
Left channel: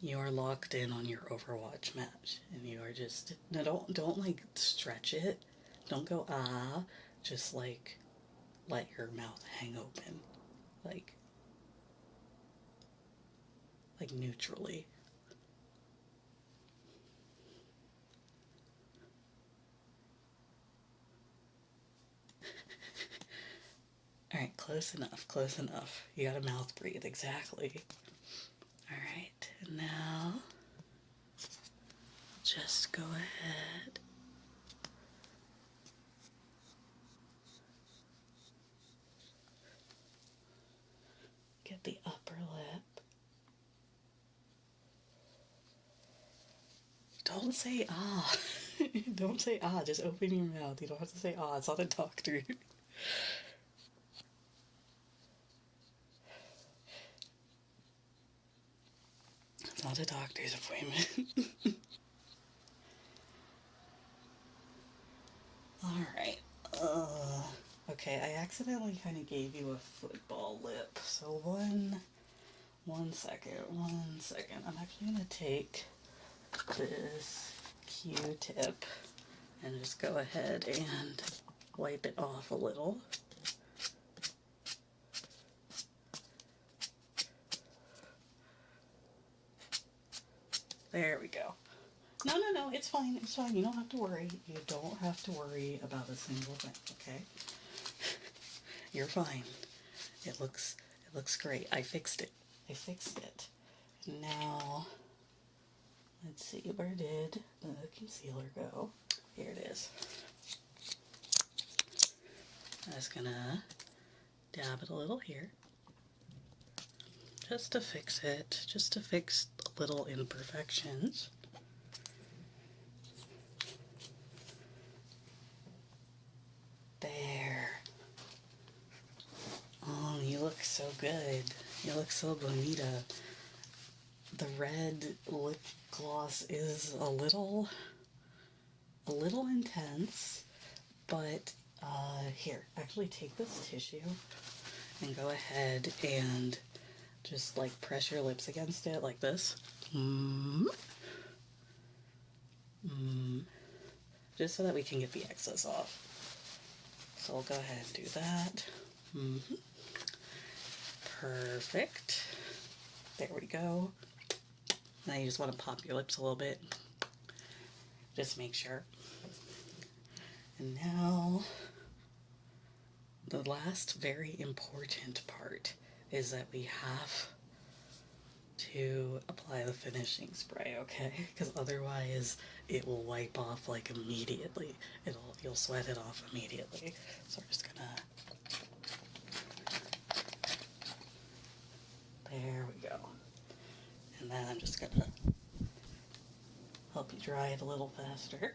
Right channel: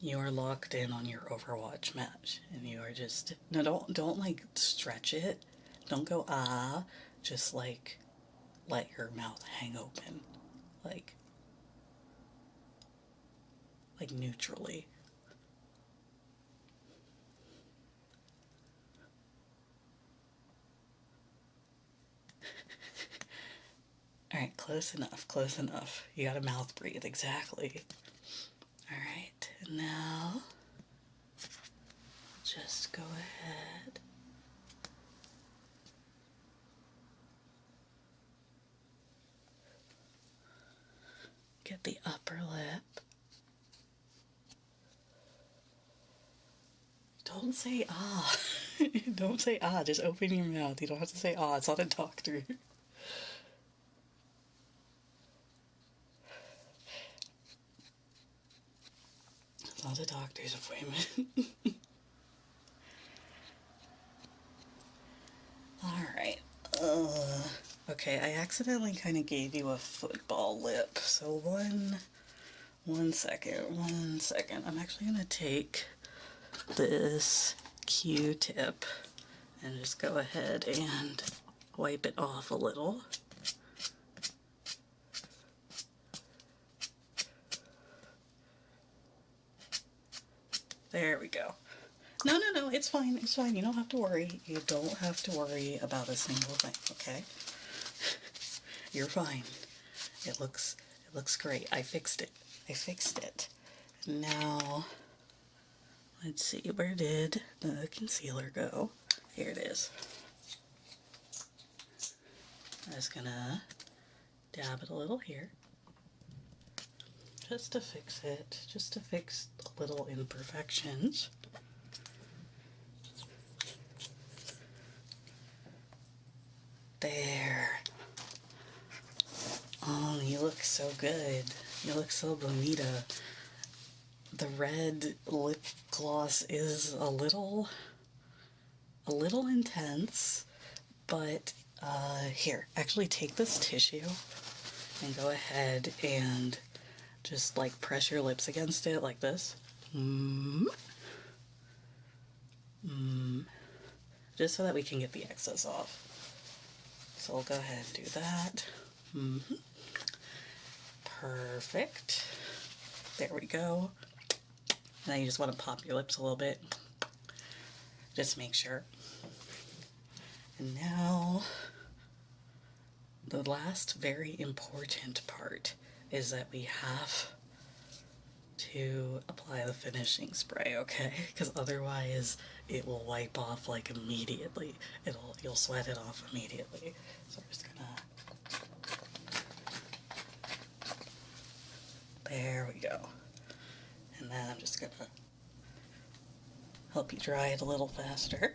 You are locked in on your Overwatch match, and you are just, no, don't like stretch it. Don't go, just like let your mouth hang open, like neutrally. Alright, close enough. You gotta mouth breathe, exactly. Alright, and now, just go ahead. Get the upper lip. Don't say ah. Don't say ah, just open your mouth. You don't have to say ah, it's not a doctor. It's not a doctor's appointment. Alright. Okay, I accidentally kind of gave you a football lip. So one second. I'm actually going to take this Q-tip and just go ahead and wipe it off a little. There we go. No, it's fine. You don't have to worry. You don't have to worry about a single thing, okay? You're fine. It looks great. I fixed it. Now, let's see, where did the concealer go? Here it is. I'm just gonna dab it a little here. Just to fix it, just to fix little imperfections. There. Oh, you look so good. You look so bonita. The red lip gloss is a little intense, but here, actually take this tissue and go ahead and just like press your lips against it like this. Just so that we can get the excess off. So I'll go ahead and do that. Perfect. There we go. Now you just want to pop your lips a little bit. Just make sure. And now, the last very important part is that we have to apply the finishing spray, okay? Because otherwise it will wipe off like immediately. You'll sweat it off immediately. So I'm just gonna, there we go. And then I'm just gonna help you dry it a little faster.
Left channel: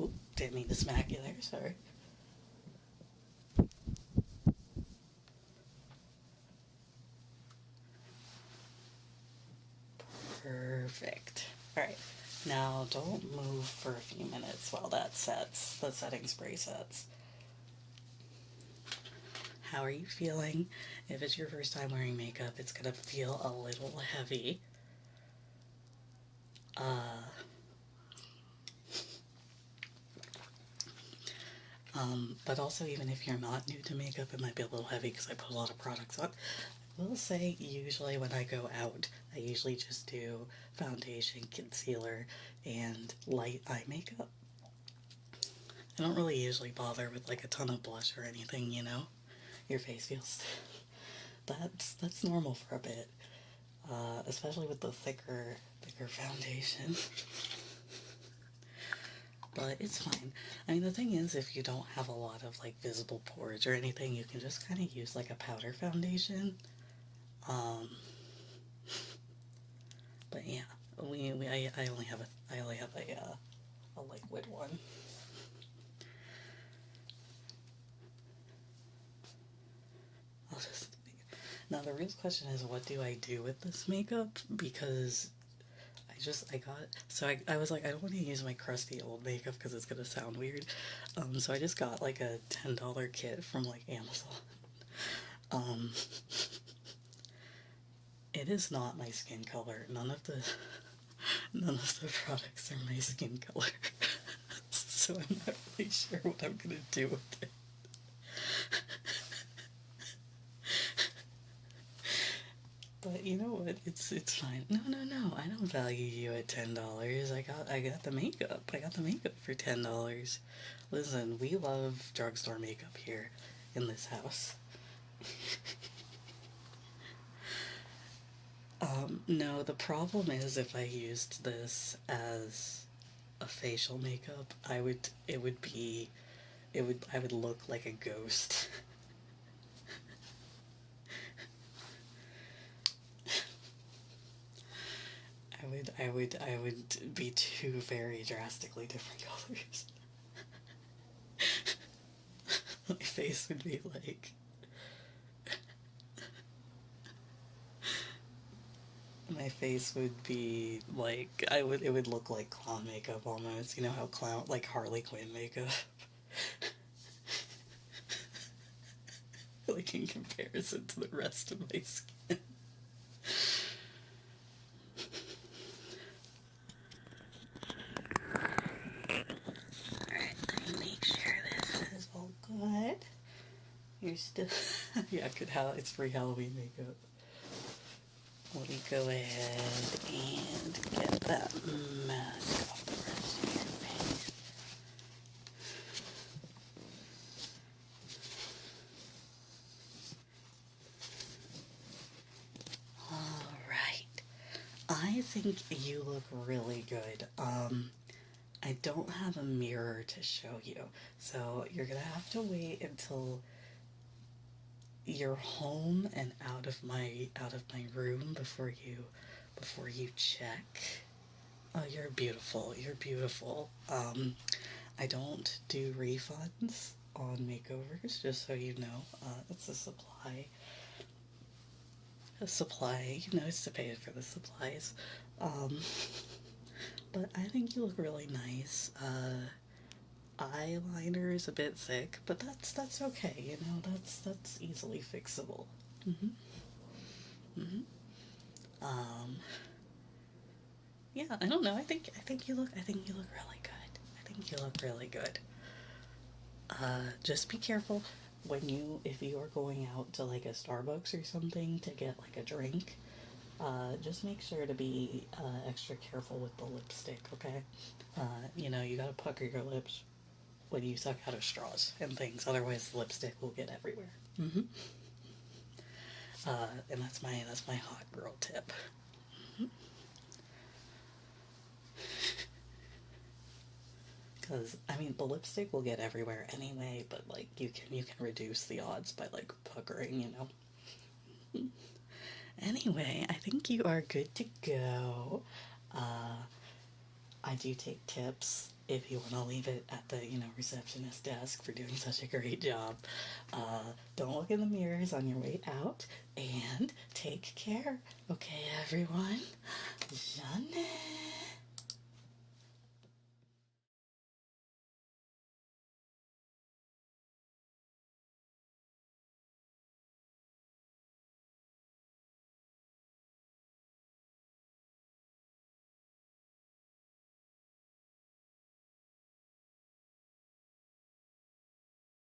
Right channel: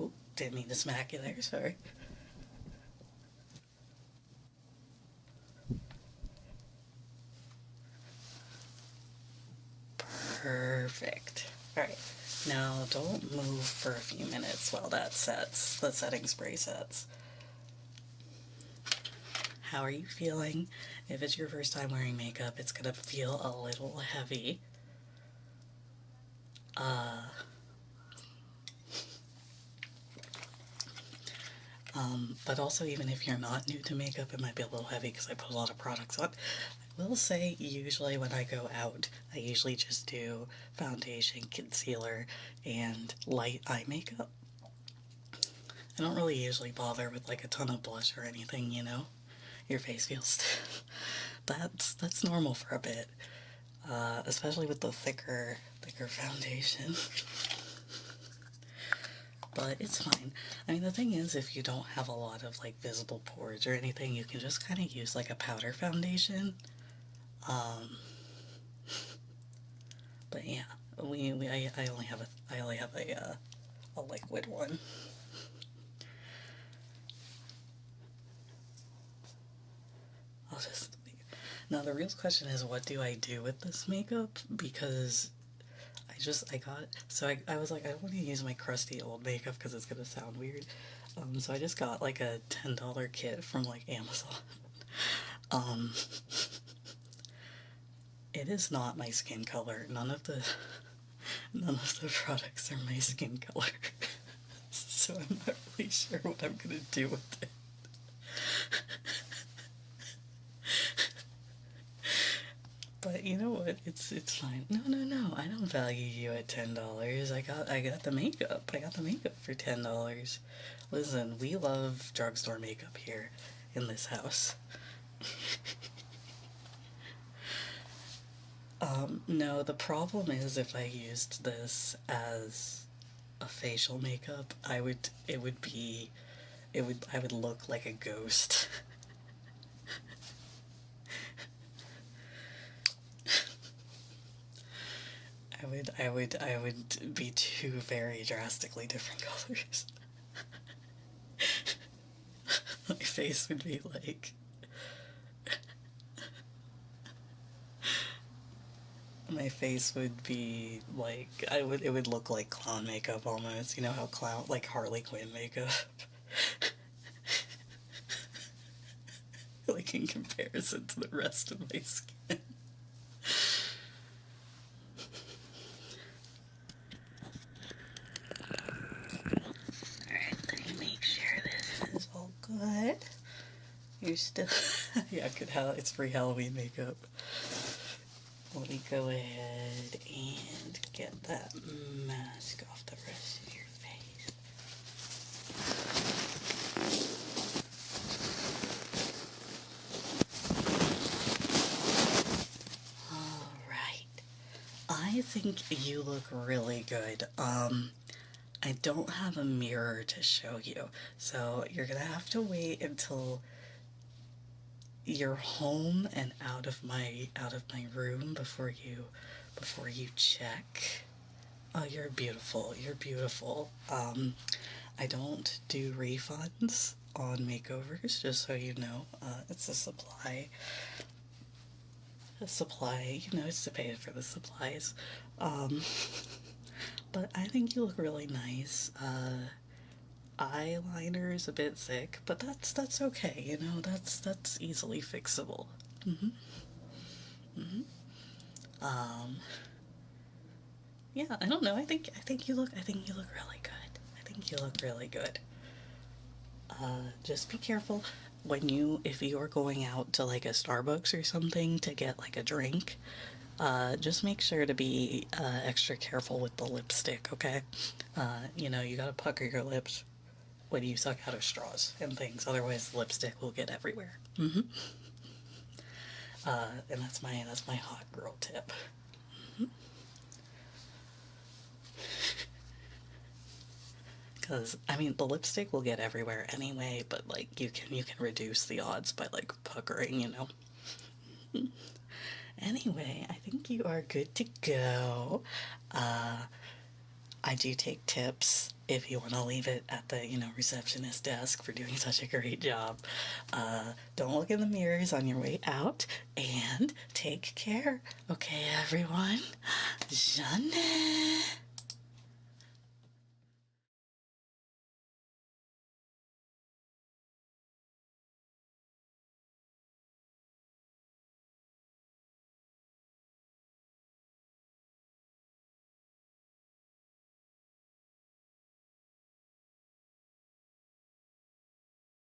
Oop, didn't mean to smack you there, sorry. Perfect. Alright, now don't move for a few minutes while that sets, the setting spray sets. How are you feeling? If it's your first time wearing makeup, it's gonna feel a little heavy. But also, even if you're not new to makeup, it might be a little heavy because I put a lot of products on. I will say, usually when I go out, I usually just do foundation, concealer, and light eye makeup. I don't really usually bother with like a ton of blush or anything, you know? Your face feels stiff. That's normal for a bit, especially with the thicker foundation. But it's fine. I mean, the thing is, if you don't have a lot of like visible pores or anything, you can just kind of use like a powder foundation. But yeah, I only have a liquid one. Now the real question is, what do I do with this makeup? Because I was like, I don't want to use my crusty old makeup because it's gonna sound weird. So I just got like a $10 kit from like Amazon. It is not my skin color. None of the products are my skin color. So I'm not really sure what I'm gonna do with it. But you know what? It's fine. No. I don't value you at $10. I got the makeup. I got the makeup for $10. Listen, we love drugstore makeup here in this house. No, the problem is if I used this as a facial makeup, I would look like a ghost. I would be two very drastically different colors. My face would be like, it would look like clown makeup almost. You know how like Harley Quinn makeup? Like in comparison to the rest of my skin. Good. You're still, yeah, it's free Halloween makeup. Let me go ahead and get that mask off the rest of your face. I think you look really good. I don't have a mirror to show you, so you're gonna have to wait until you're home and out of my room before you check. Oh, you're beautiful. You're beautiful. I don't do refunds on makeovers, just so you know. It's a supply. A supply, it's to pay for the supplies. Um, but I think you look really nice. Eyeliner is a bit thick, but that's okay. That's easily fixable. Hmm. Hmm. Um, yeah, I don't know. I think you look really good. I think you look really good. Just be careful if you're going out to like a Starbucks or something to get like a drink. Just make sure to be extra careful with the lipstick, okay? You gotta pucker your lips when you suck out of straws and things, otherwise the lipstick will get everywhere. Hmm. And that's my hot girl tip. Because I mean, the lipstick will get everywhere anyway, but like you can reduce the odds by like puckering. Anyway, I think you are good to go. Uh, I do take tips if you want to leave it at the receptionist desk for doing such a great job. Don't look in the mirrors on your way out, and take care. Okay, everyone. Jeanette.